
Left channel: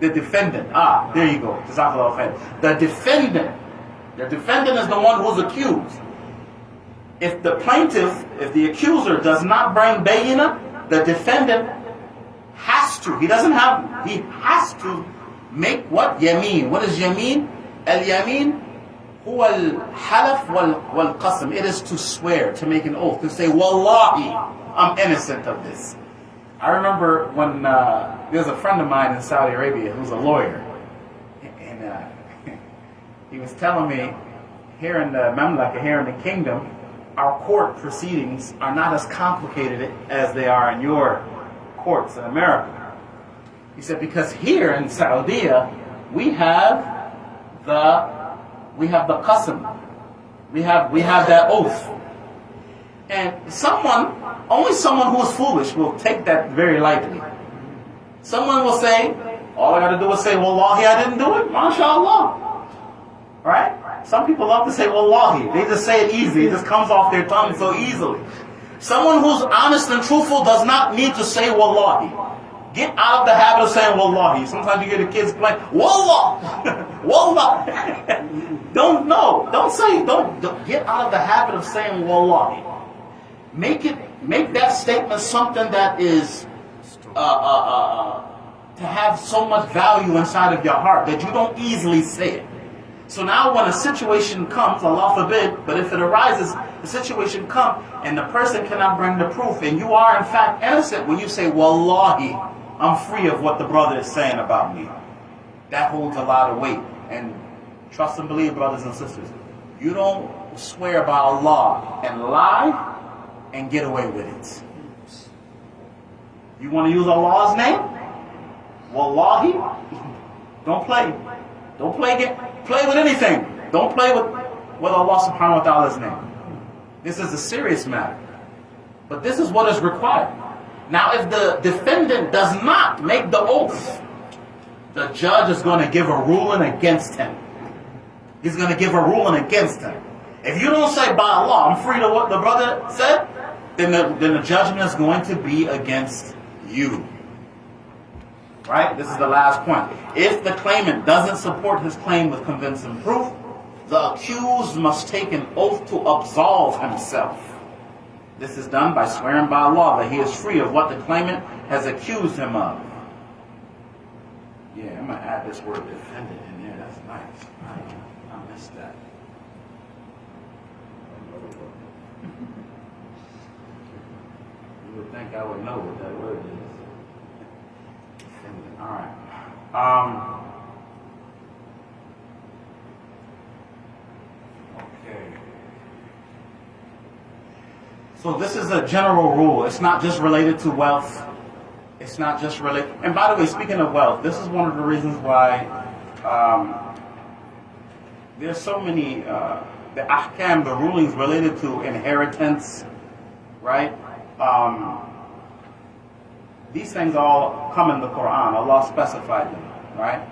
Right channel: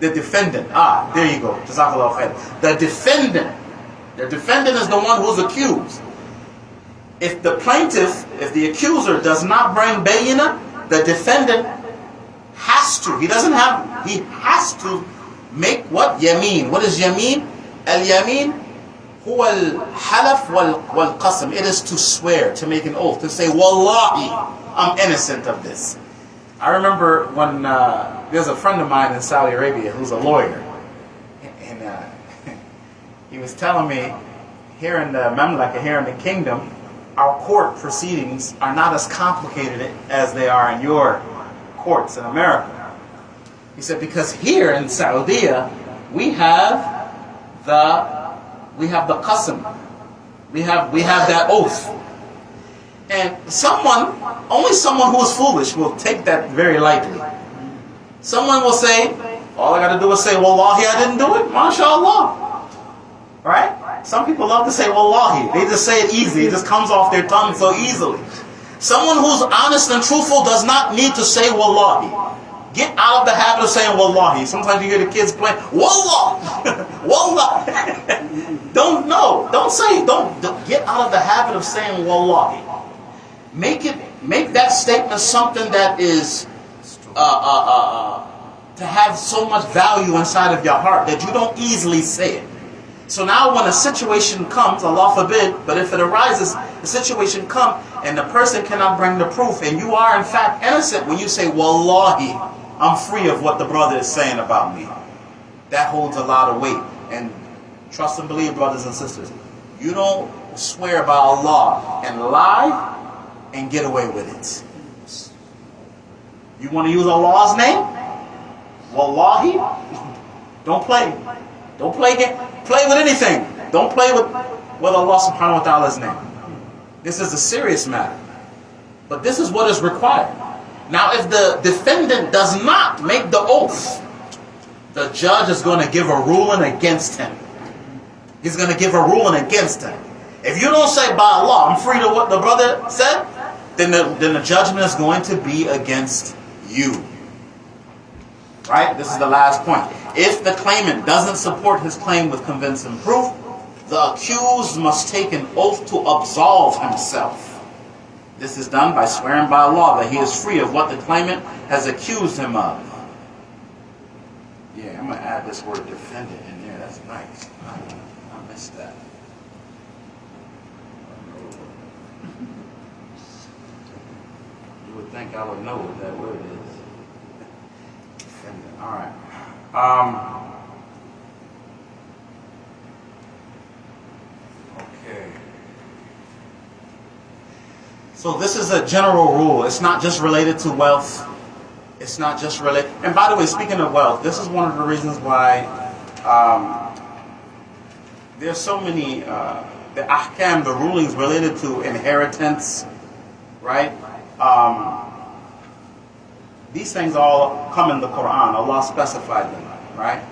The defendant. Ah, there you go. Jazakallah khair. The defendant. The defendant is the one who's accused. If the plaintiff, if the accuser does not bring bayyinah, the defendant has to. He has to make what? Yameen. What is yameen? Al-yameen huwa al-halaf wal-qasam. It is to swear, to make an oath, to say, Wallahi, I'm innocent of this. I remember when there's a friend of mine in Saudi Arabia who's a lawyer. And he was telling me, here in the Mamlaka, here in the kingdom, our court proceedings are not as complicated as they are in your courts in America. He said, because here in Saudi, we have the qasam. We have that oath. And only someone who is foolish will take that very lightly. Someone will say, all I got to do is say, Wallahi, I didn't do it. MashaAllah. Right? Some people love to say Wallahi. They just say it easy. It just comes off their tongue so easily. Someone who's honest and truthful does not need to say Wallahi. Get out of the habit of saying Wallahi. Sometimes you hear the kids playing, Wallah! Wallah! Don't get out of the habit of saying Wallahi. Make that statement something that is to have so much value inside of your heart that you don't easily say it. So now when a situation comes, Allah forbid, but if it arises, the situation comes and the person cannot bring the proof and you are in fact innocent, when you say, Wallahi, I'm free of what the brother is saying about me. That holds a lot of weight. And trust and believe, brothers and sisters, you don't swear by Allah and lie and get away with it. You want to use Allah's name? Wallahi, don't play. Don't play with anything. Don't play with Allah subhanahu wa ta'ala's name. This is a serious matter. But this is what is required. Now if the defendant does not make the oath, the judge is going to give a ruling against him. He's going to give a ruling against him. If you don't say by Allah, I'm free to what the brother said, then the judgment is going to be against you. Right? This is the last point. If the claimant doesn't support his claim with convincing proof, the accused must take an oath to absolve himself. This is done by swearing by Allah that he is free of what the claimant has accused him of. Yeah, I'm going to add this word defendant in there. That's nice. I missed that. You would think I would know what that word is. Defendant. All right. So this is a general rule. It's not just related to wealth. It's not just related. And by the way, speaking of wealth, this is one of the reasons why there's so many the ahkam, the rulings related to inheritance, right? These things all come in the Quran. Allah specified them, right?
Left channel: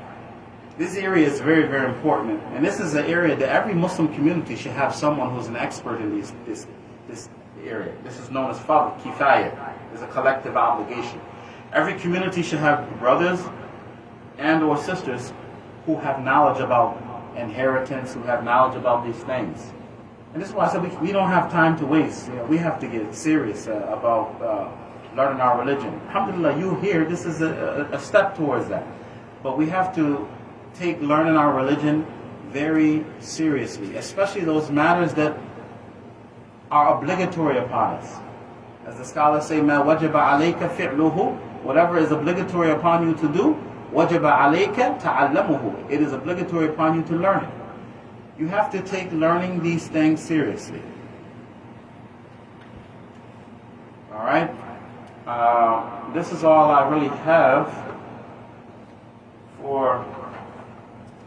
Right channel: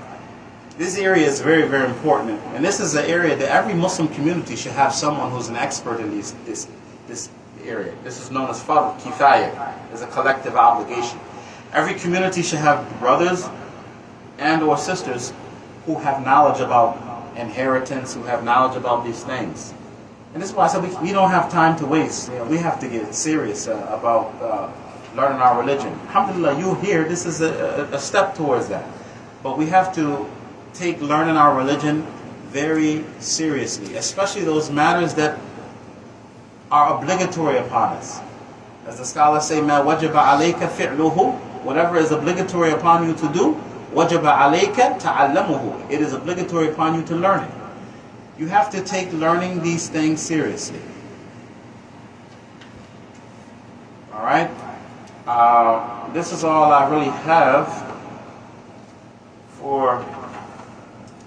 This area is very, very important, and this is an area that every Muslim community should have someone who's an expert in this area. This is known as fard kifaya. It's a collective obligation. Every community should have brothers and or sisters who have knowledge about inheritance, who have knowledge about these things. And this is why I said we don't have time to waste. You know, we have to get serious about learning our religion. Alhamdulillah, you here, this is a step towards that. But we have to take learning our religion very seriously, especially those matters that are obligatory upon us. As the scholars say, مَا وَجَبَ عَلَيْكَ فِعْلُهُ, whatever is obligatory upon you to do, وَجَبَ عَلَيْكَ تَعَلَّمُهُ, it is obligatory upon you to learn it. You have to take learning these things seriously. Alright? This is all I really have for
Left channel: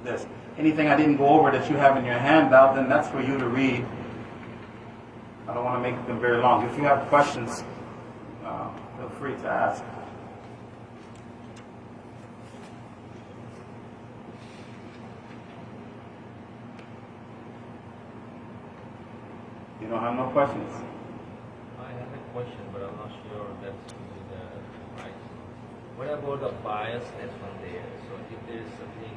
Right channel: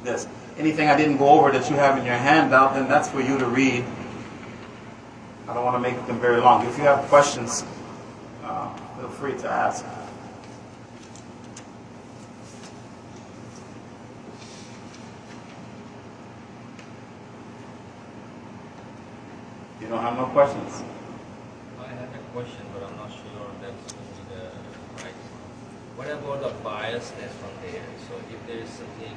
this. Anything I didn't go over that you have in your handout, then that's for you to read. I don't want to make them very long. If you have questions, feel free to ask. You don't have no questions? I have a question, but I'm not sure that's the right. What about the biasness from there? So if there is something,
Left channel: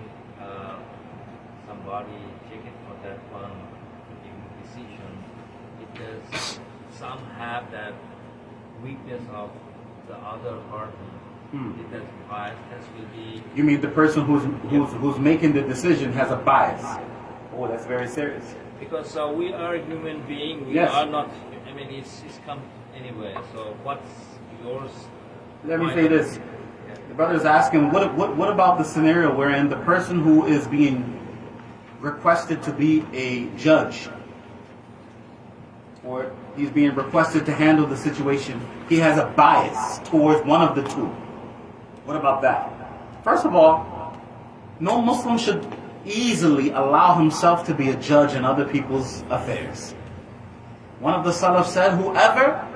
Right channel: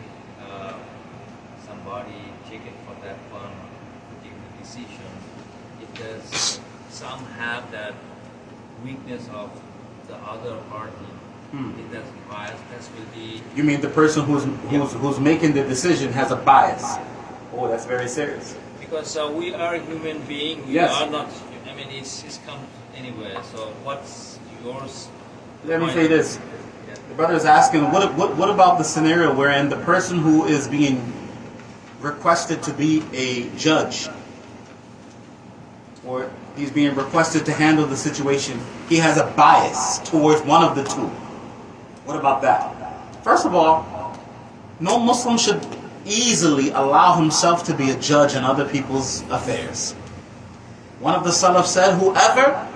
somebody taken for that one particular decision, it does some have that weakness of the other party. It does biasness will be. You mean the person who's making the decision has a bias? Oh, that's very serious. Because we are human beings, we Yes. are not. I mean, it's come anywhere. So what's yours? Let me say this. Yeah. The brother is asking, what about the scenario wherein the person who is being requested to be a judge, or he's being requested to handle the situation, he has a bias towards one of the two? What about that? First of all, no Muslim should easily allow himself to be a judge in other people's affairs. One of the Salaf said, whoever,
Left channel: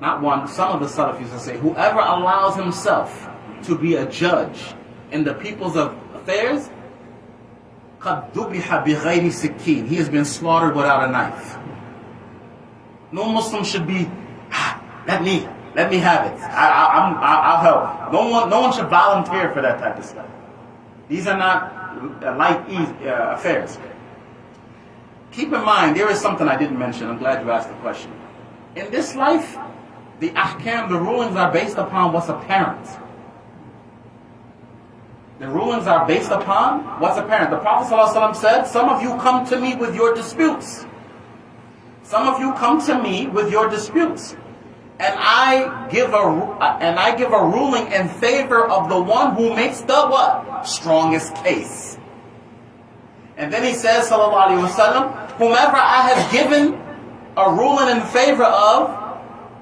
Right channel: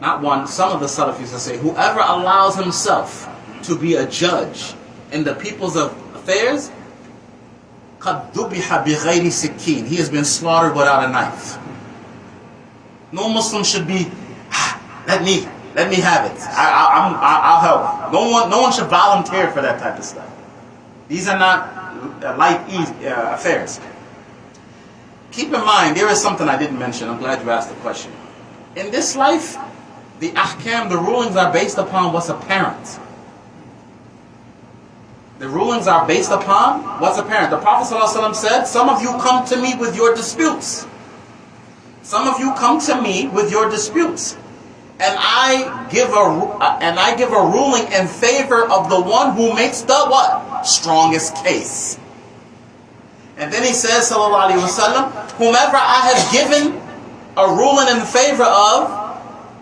not one, some of the Salaf used to say, whoever allows himself to be a judge in the people's affairs, قَدْ ذُبِحَ بِغَيْرِ سِكِّينٍ, he has been slaughtered without a knife. No Muslim should be, let me have it. I'll help. No one should volunteer for that type of stuff. These are not light, easy affairs. Keep in mind, there is something I didn't mention. I'm glad you asked the question. In this life, the ahkam, the rulings are based upon what's apparent. The rulings are based upon what's apparent. The Prophet ﷺ said, some of you come to me with your disputes. Some of you come to me with your disputes. And I give a ruling in favor of the one who makes the what? Strongest case. And then he says, sallallahu alaihi wasallam, whomever I have given a ruling in favor of,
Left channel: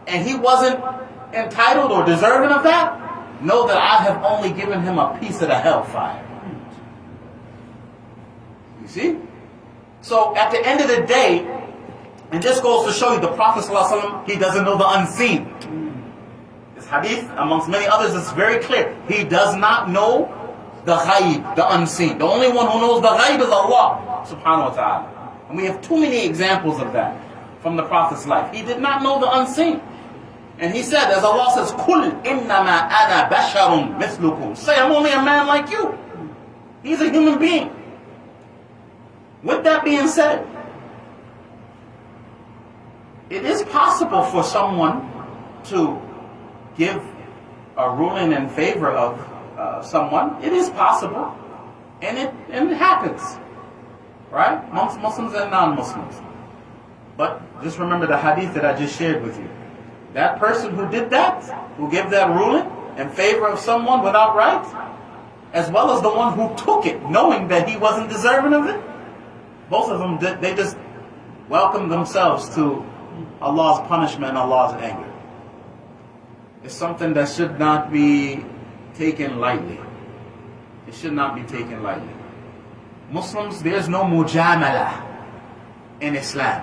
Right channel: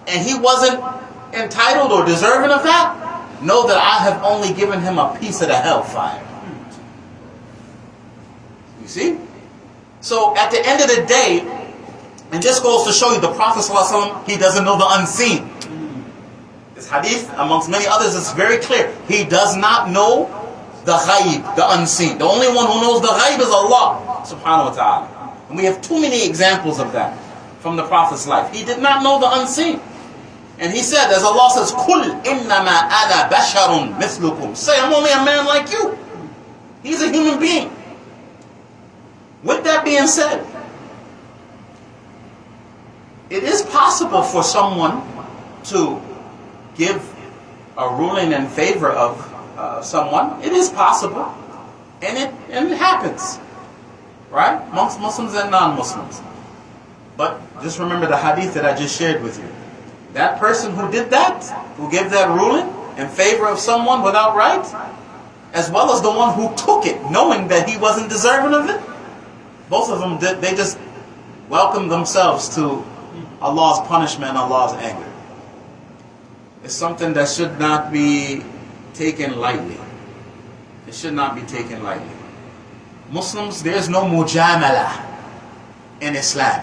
and he wasn't entitled or deserving of that, know that I have only given him a piece of the hellfire. You see? So at the end of the day, and this goes to show you the Prophet ﷺ, he doesn't know the unseen. This hadith, amongst many others, is very clear. He does not know the ghaib, the unseen. The only one who knows the ghaib is Allah subhanahu wa ta'ala. And we have too many examples of that from the Prophet's life. He did not know the unseen. And he said, as Allah says, قُلْ إِنَّمَا أَنَا بَشَرٌ مِثْلُكُمْ, say, I'm only a man like you. He's a human being. With that being said, it is possible for someone to give a ruling in favor of someone. It is possible. And it happens. Right? Amongst Muslims and non-Muslims. But just remember the hadith that I just shared with you. That person who did that, who gave that ruling in favor of someone without right, as well as the one who took it knowing that he wasn't deserving of it, both of them, they just welcomed themselves to Allah's punishment and Allah's anger. It's something that should not be taken lightly. It should not be taken lightly. Muslims, there's no mujamala in Islam.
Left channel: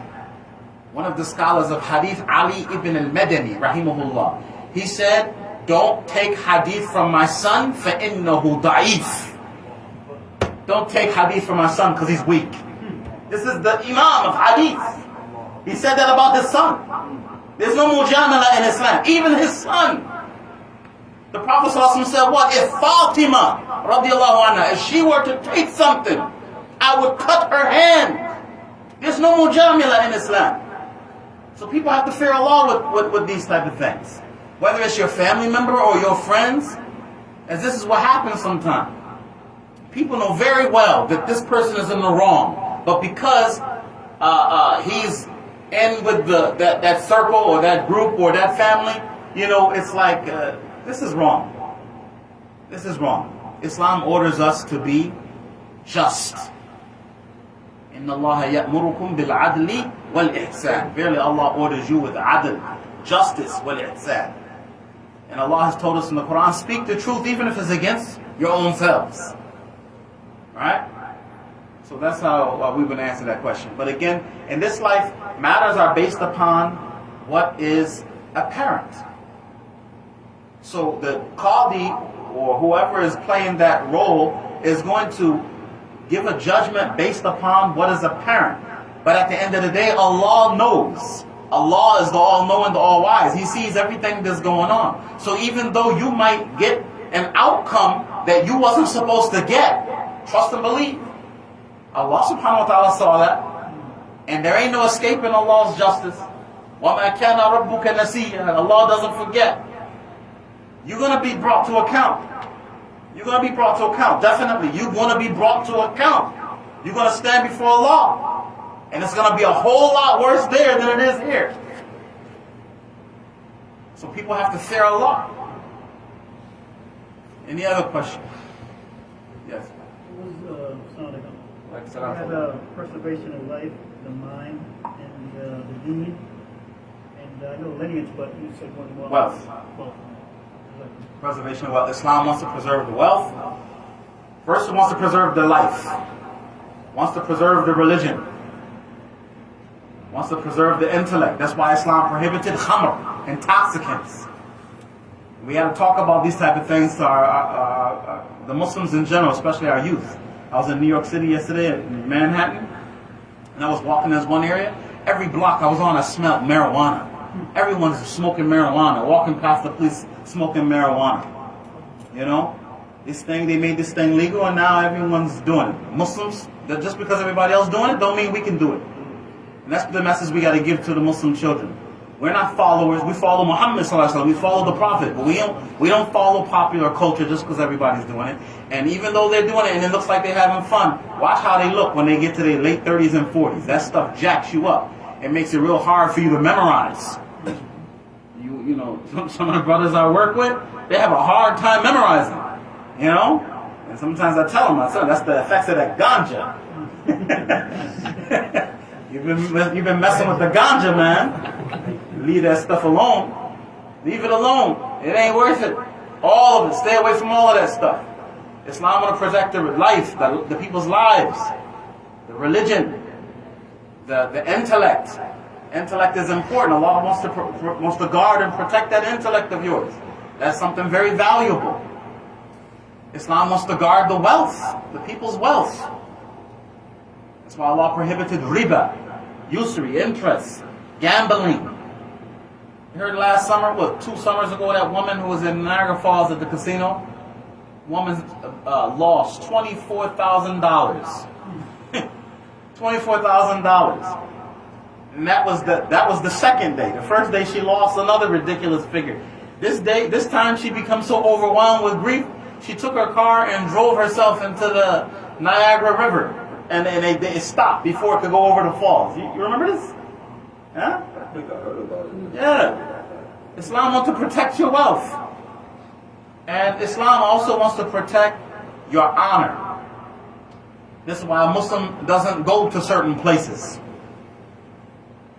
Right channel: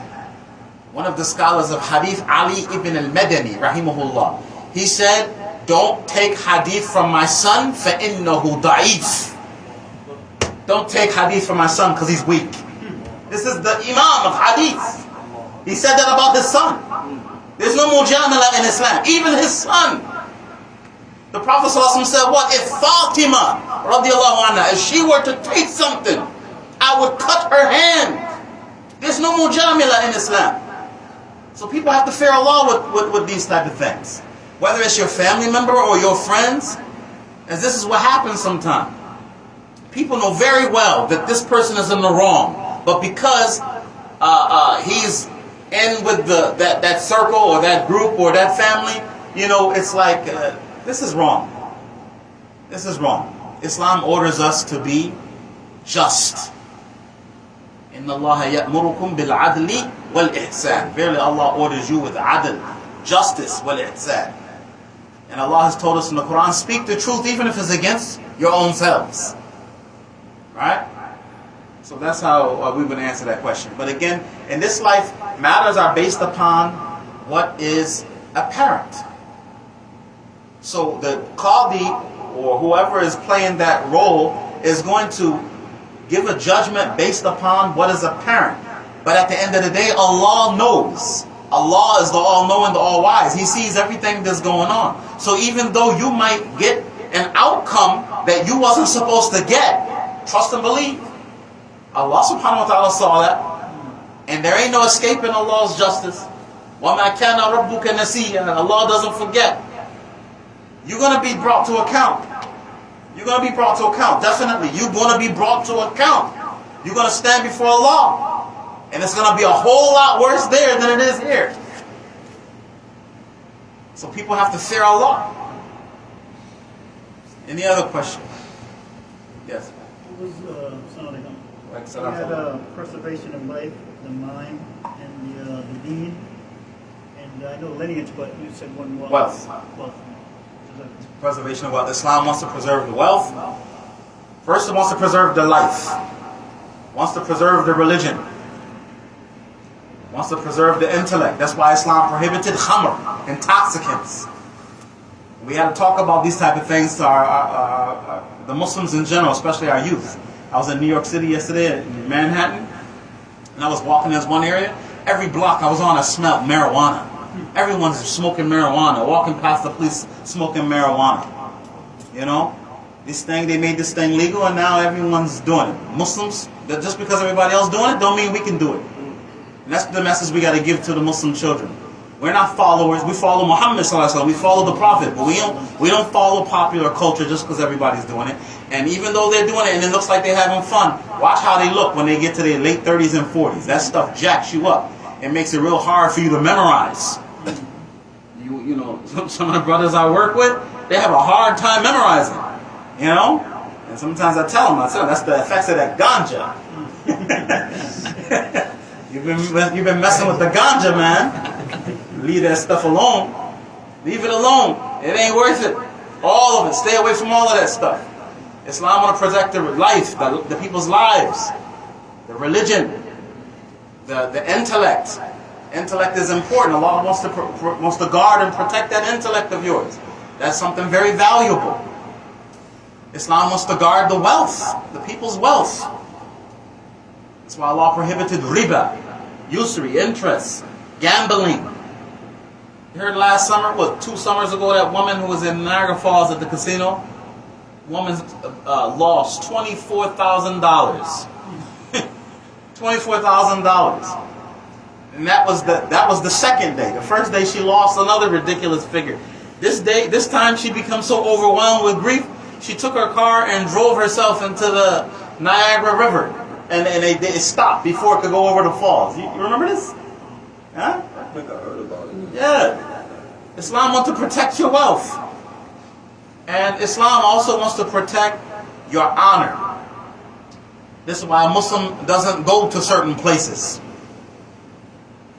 One of the scholars of Hadīth, Ali ibn al-Madani, rahimahullah, he said, don't take Hadīth from my son, فَإِنَّهُ ضَعِيفٌ. Don't take Hadīth from my son because he's weak. This is the Imām of Hadīth. He said that about his son. There's no mujamala in Islam. Even his son. The Prophet ﷺ said, what? If Fatima, radiallahu anha, if she were to take something, I would cut her hand. There's no mujamala in Islam. So people have to fear Allah with these type of things. Whether it's your family member or your friends, as this is what happens sometimes. People know very well that this person is in the wrong, but because he's in with that circle or that group or that family, you know, it's like, this is wrong. This is wrong. Islam orders us to be just. Inna Allah ya'murukum bil adli wal ihsan. Verily Allah orders you with adl, justice, wal ihsan. And Allah has told us in the Quran, speak the truth even if it's against your own selves. Right? So that's how we would answer that question. But again, in this life, matters are based upon what is apparent. So the Qadi or whoever is playing that role is going to give a judgment based upon what is apparent. But at the end of the day, Allah knows. Allah is the all-knowing, the all-wise. He sees everything that's going on. So even though you might get an outcome that you wasn't supposed to get, trust and believe. Allah subhanahu wa ta'ala saw that. And there ain't no escaping Allah's justice. وَمَا كَانَ رَبُّكَ نَسِيًّا. Allah doesn't forget. You're going to be brought to account. You're going to be brought to account. Definitely. You're going to be brought to account. You're going to stand before Allah. And it's going to be a whole lot worse there than it is here. So people have to fear Allah. Any other question? Yes. We had preservation of life, the mind, and the deed. And I know lineage, but you said one more. Wealth. Preservation of wealth. Islam wants to preserve the wealth. First, it wants to preserve the life. Wants to preserve the religion. Wants to preserve the intellect. That's why Islam prohibited khamr, intoxicants. We had to talk about these type of things to the Muslims in general, especially our youth. I was in New York City yesterday in Manhattan, and I was walking in this one area. Every block I was on, I smelled marijuana. Everyone's smoking marijuana, walking past the police smoking marijuana. You know, they made this thing legal, and now everyone's doing it. Muslims, just because everybody else doing it, don't mean we can do it. And that's the message we got to give to the Muslim children. We're not followers. We follow Muhammad sallallahu alaihi wasallam. We follow the Prophet, but we don't follow popular culture just because everybody's doing it. And even though they're doing it and it looks like they're having fun, watch how they look when they get to their late 30s and 40s. That stuff jacks you up. It makes it real hard for you to memorize. You know, some of the brothers I work with, they have a hard time memorizing. You know, and sometimes I tell them, that's the effects of that ganja. You've been messing with the ganja, man. Leave that stuff alone. Leave it alone. It ain't worth it. All of it. Stay away from all of that stuff. Islam want to protect the life, the people's lives, the religion, the intellect. Intellect is important. Allah wants to guard and protect that intellect of yours. That's something very valuable. Islam wants to guard the wealth, the people's wealth. That's why Allah prohibited riba, usury, interest, gambling. You heard last summer, 2 summers ago, that woman who was in Niagara Falls at the casino? Woman lost $24,000. $24,000. And that was the second day. The first day she lost another ridiculous figure. This time she becomes so overwhelmed with grief, she took her car and drove herself into the Niagara River. And it stopped before it could go over the falls. You remember this? Huh? I think I heard about it. Yeah. Islam wants to protect your wealth. And Islam also wants to protect your honor. This is why a Muslim doesn't go to certain places.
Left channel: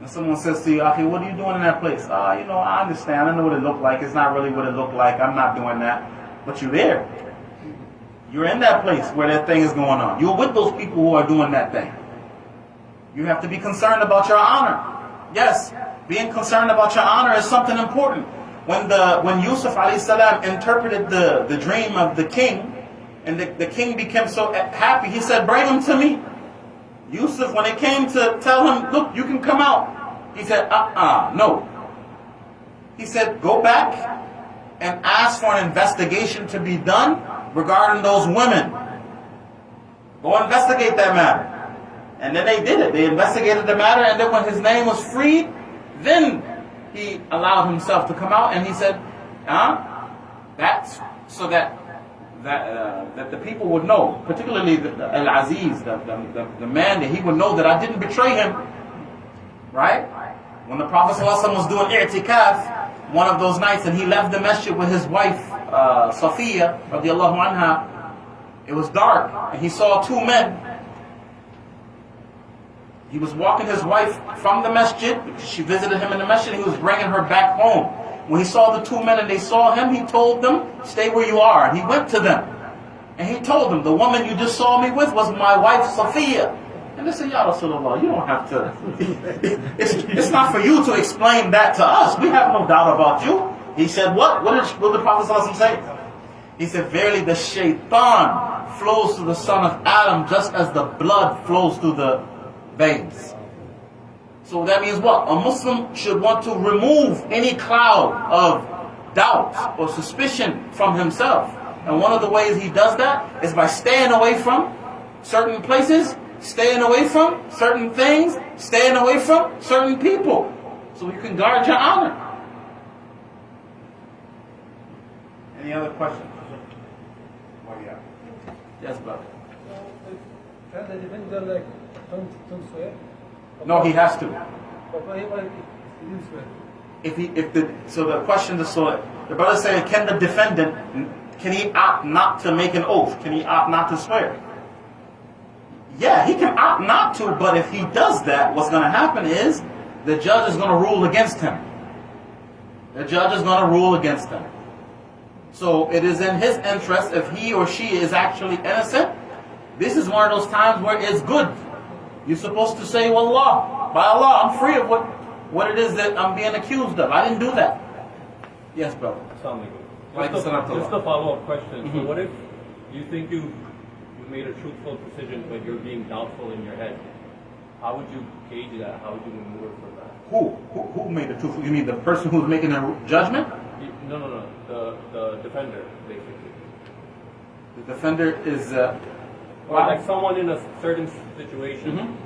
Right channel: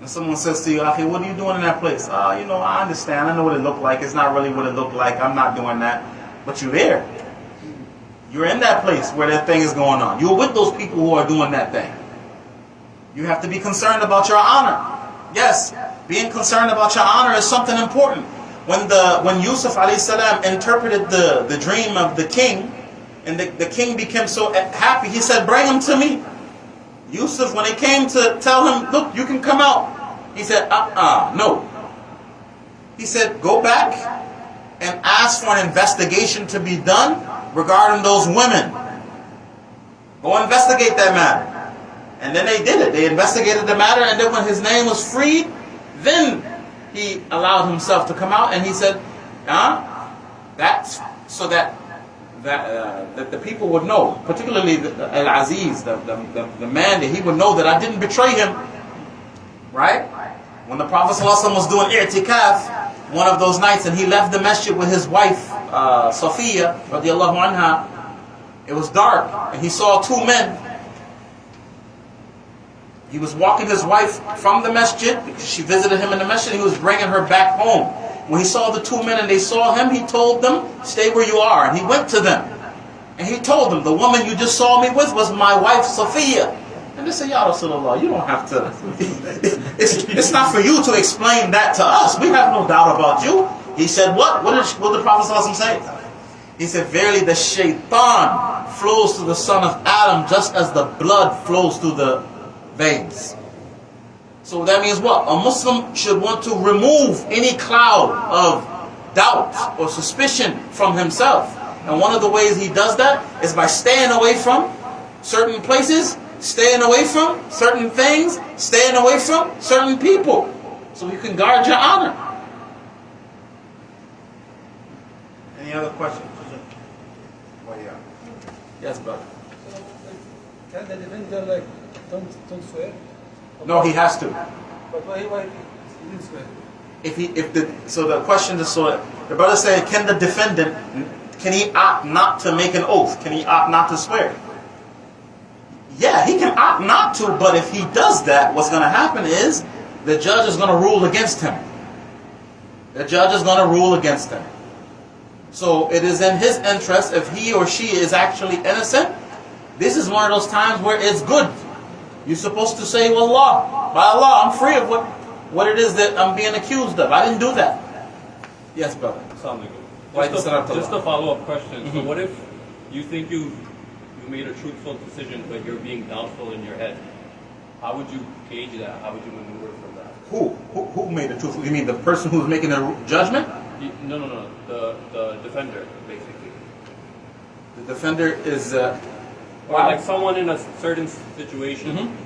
And someone says to you, Akhi, what are you doing in that place? You know, I understand. I know what it looked like. It's not really what it looked like. I'm not doing that. But you're there. You're in that place where that thing is going on. You're with those people who are doing that thing. You have to be concerned about your honor. Yes, being concerned about your honor is something important. When Yusuf alayhi salam interpreted the dream of the king, and the king became so happy, he said, bring him to me. Yusuf, when they came to tell him, look, you can come out, he said, no. He said, go back and ask for an investigation to be done regarding those women. Go investigate that matter. And then they did it. They investigated the matter, and then when his name was freed, then he allowed himself to come out, and he said, that's so that the people would know, particularly Al-Aziz, the man, that he would know that I didn't betray him. Right? When the Prophet ﷺ was doing i'tikaf one of those nights, and he left the masjid with his wife, Safiya, radiallahu anha, it was dark, and he saw two men. He was walking his wife from the masjid, because she visited him in the masjid, he was bringing her back home. When he saw the two men and they saw him, he told them, stay where you are. And he went to them. And he told them, the woman you just saw me with was my wife, Safiya. And they said, Ya Rasulullah, you don't have to. It's not for you to explain that to us. We have no doubt about you. He said, what? What did the Prophet ﷺ say? He said, verily the shaitan flows through the son of Adam just as the blood flows through the veins. So that means what? A Muslim should want to remove any cloud of doubt or suspicion from himself. And one of the ways he does that is by staying away from certain places, staying away from certain things, staying away from certain people, so you can guard your honor. Any other questions? Yes, brother. Can the defender don't swear? No, he has to. But why he didn't swear? So the question is, so the brother saying, can the defendant, can he opt not to make an oath? Can he opt not to swear? Yeah, he can opt not to, but if he does that, what's going to happen is the judge is going to rule against him. The judge is going to rule against him. So it is in his interest, if he or she is actually innocent, this is one of those times where it's good. You're supposed to say, Wallah, by Allah, I'm free of what it is that I'm being accused of. I didn't do that. Yes, brother. Assalamu alaikum. Just a follow-up question. So what if you think you made a truthful decision, but you're being doubtful in your head? How would you gauge that? How would you maneuver from that? Who made the truthful? You mean the person who's making the judgment? No. The defender, basically. The defender is... or like someone in a certain situation,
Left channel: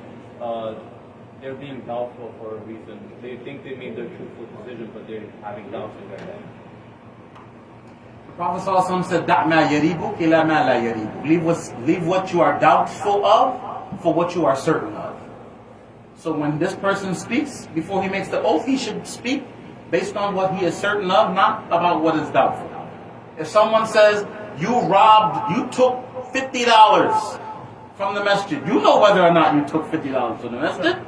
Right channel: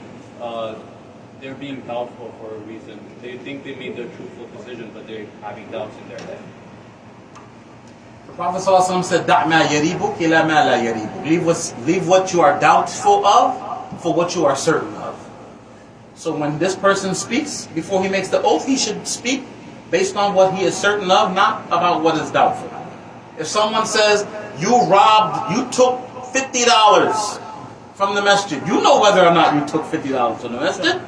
they're being doubtful for a reason. They think they made the truthful decision, but they're having doubts in their head. The Prophet ﷺ said, "Da' ma yaribuk ila ma la yaribuk." Leave what you are doubtful of for what you are certain of. So when this person speaks, before he makes the oath, he should speak based on what he is certain of, not about what is doubtful. If someone says, you took $50 from the masjid, you know whether or not you took $50 from the masjid.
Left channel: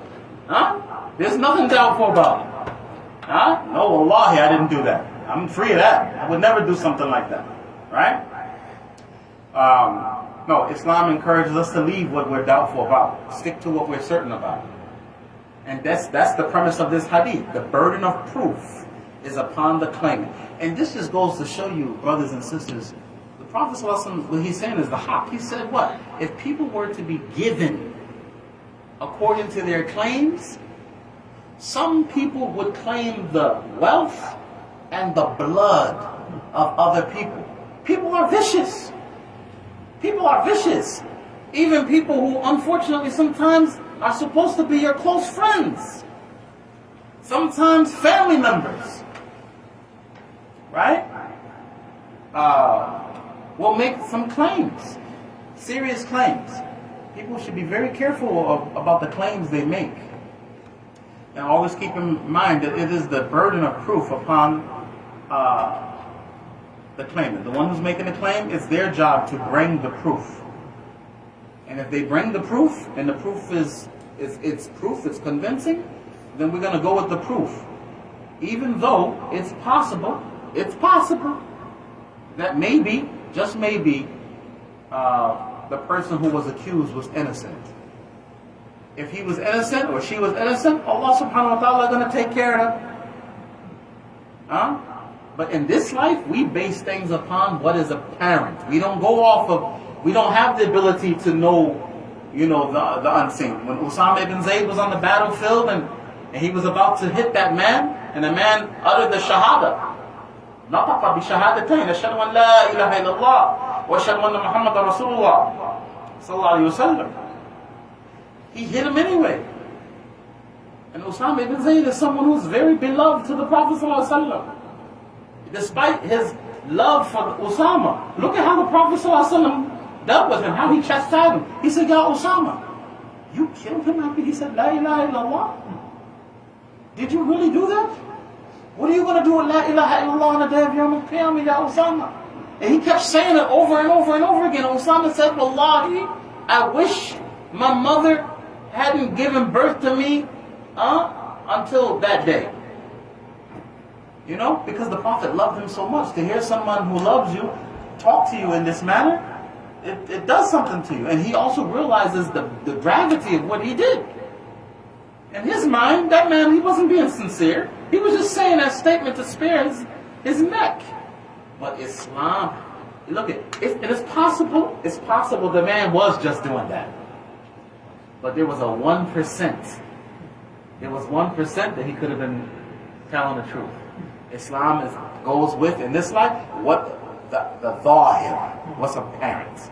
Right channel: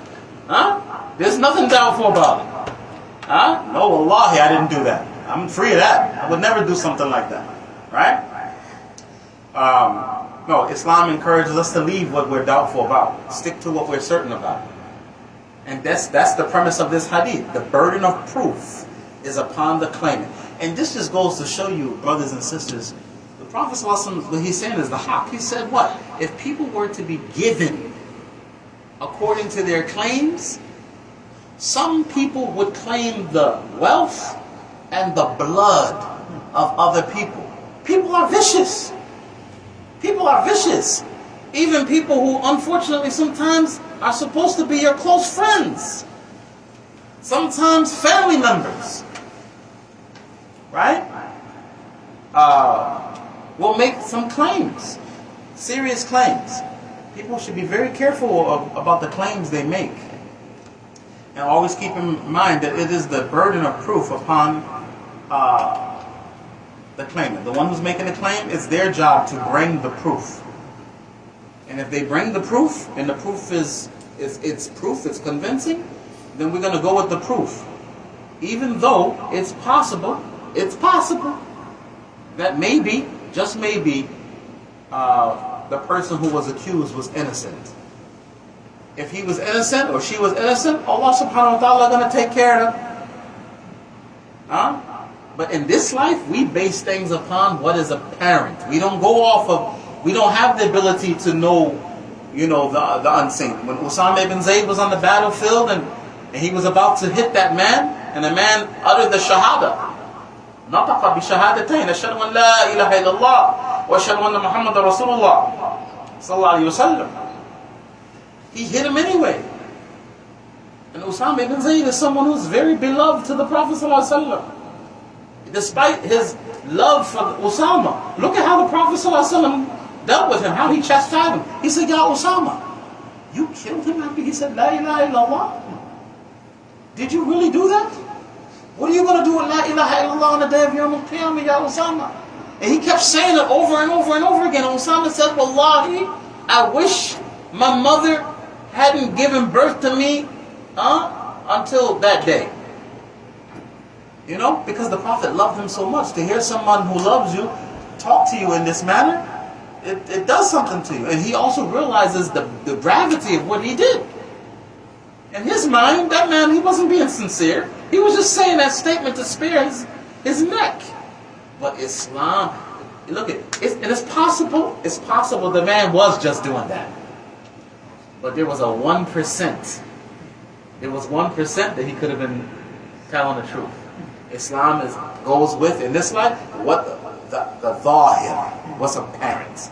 There's nothing doubtful about it. No, wallahi, I didn't do that. I'm free of that. I would never do something like that. Right? No, Islam encourages us to leave what we're doubtful about. Stick to what we're certain about. And that's the premise of this hadith. The burden of proof is upon the claimant. And this just goes to show you, brothers and sisters, the Prophet ﷺ, what he's saying is the haqq. He said what? If people were to be given according to their claims, some people would claim the wealth and the blood of other people. People are vicious. People are vicious. Even people who unfortunately sometimes are supposed to be your close friends. Sometimes family members. Right? Will make some claims. Serious claims. People should be very careful about the claims they make. And always keep in mind that it is the burden of proof upon the claimant. The one who's making the claim, it's their job to bring the proof. And if they bring the proof, and the proof it's convincing, then we're going to go with the proof. Even though it's possible that maybe, just maybe, the person who was accused was innocent. If he was innocent or she was innocent, Allah subhanahu wa ta'ala is going to take care of them. Huh? But in this life, we base things upon what is apparent. We don't go off of, we don't have the ability to know, the unseen. When Usama ibn Zayd was on the battlefield and he was about to hit that man, and the man uttered the shahada. نطق بشهادتين أشهد أن لا إله إلا الله وأشهد أن محمد رسول الله صلى الله عليه وسلم. He hit him anyway. And Usama ibn Zayd is someone who's very beloved to the Prophet صلى الله عليه وسلم. Despite his love for Usama, look at how the Prophet صلى الله عليه وسلم dealt with him, how he chastised him. He said, Ya Usama, you killed him after he said La ilaha illallah? Did you really do that? What are you going to do with La ilaha illallah on the day of Yawm al-Qiyamah, Ya Usama? And he kept saying it over and over and over again. And Usama said, Wallahi, I wish my mother hadn't given birth to me until that day. Because the Prophet loved him so much. To hear someone who loves you talk to you in this manner, it does something to you. And he also realizes the gravity of what he did. In his mind, that man, he wasn't being sincere. He was just saying that statement to spare his neck. But Islam, look it's possible the man was just doing that. But there was a 1%. There was 1% that he could have been telling the truth. Islam goes with, in this life, what the zahir, what's apparent.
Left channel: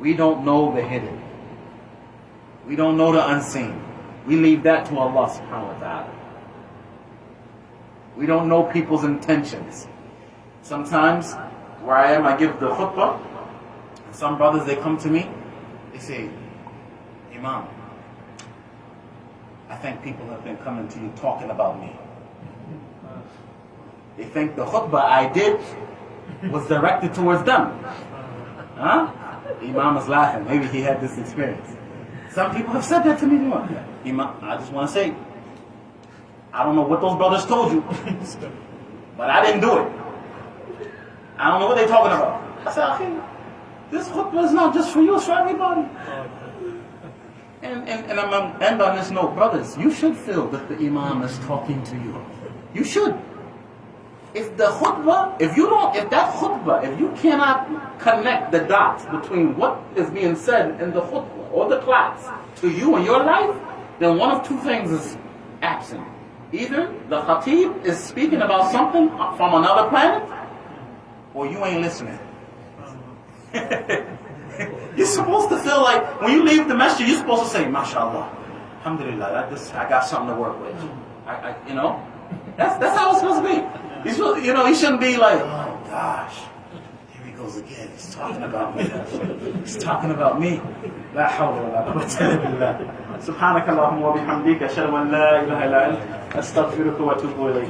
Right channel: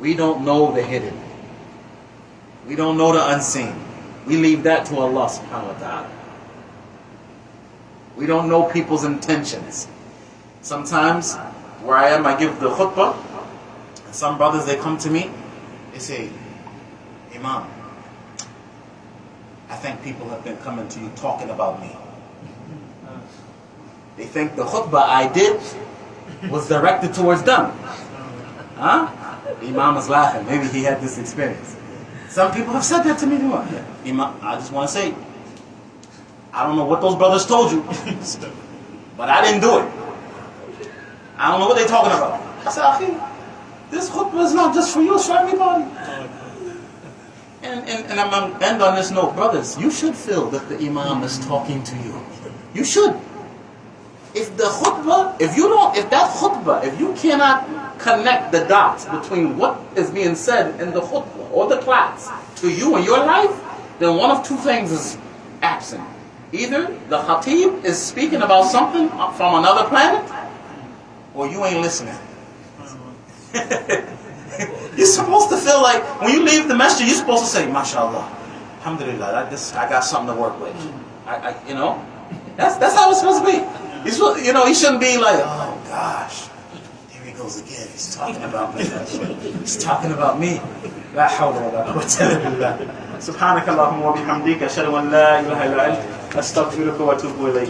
We don't know the hidden. We don't know the unseen. We leave that to Allah subhanahu wa ta'ala. We don't know people's intentions. Sometimes, where I am, I give the khutbah. And some brothers, they come to me. They say, Imam, I think people have been coming to you talking about me. They think the khutbah I did was directed towards them. Huh? The Imam is laughing. Maybe he had this experience. Some people have said that to me. Imam, I just want to say, I don't know what those brothers told you, but I didn't do it. I don't know what they're talking about. I said, Akhi, this khutbah is not just for you, it's for everybody. And I'm going to end on this note. Brothers, you should feel that the Imam is talking to you. You should. If that khutbah, if you cannot connect the dots between what is being said in the khutbah or the class to you and your life, then one of two things is absent. Either the khatib is speaking about something from another planet, or you ain't listening. You're supposed to feel like when you leave the masjid, you're supposed to say, MashaAllah, Alhamdulillah, I got something to work with. That's how it's supposed to be. He shouldn't be like, oh gosh, here he goes again. He's talking about me. He's talking about me. La hawla wa la quwwata illa billah. Subhanakallahumma wa bihamdika ashhadu an la ilaha illa anta astaghfiruka wa atubu ilayk.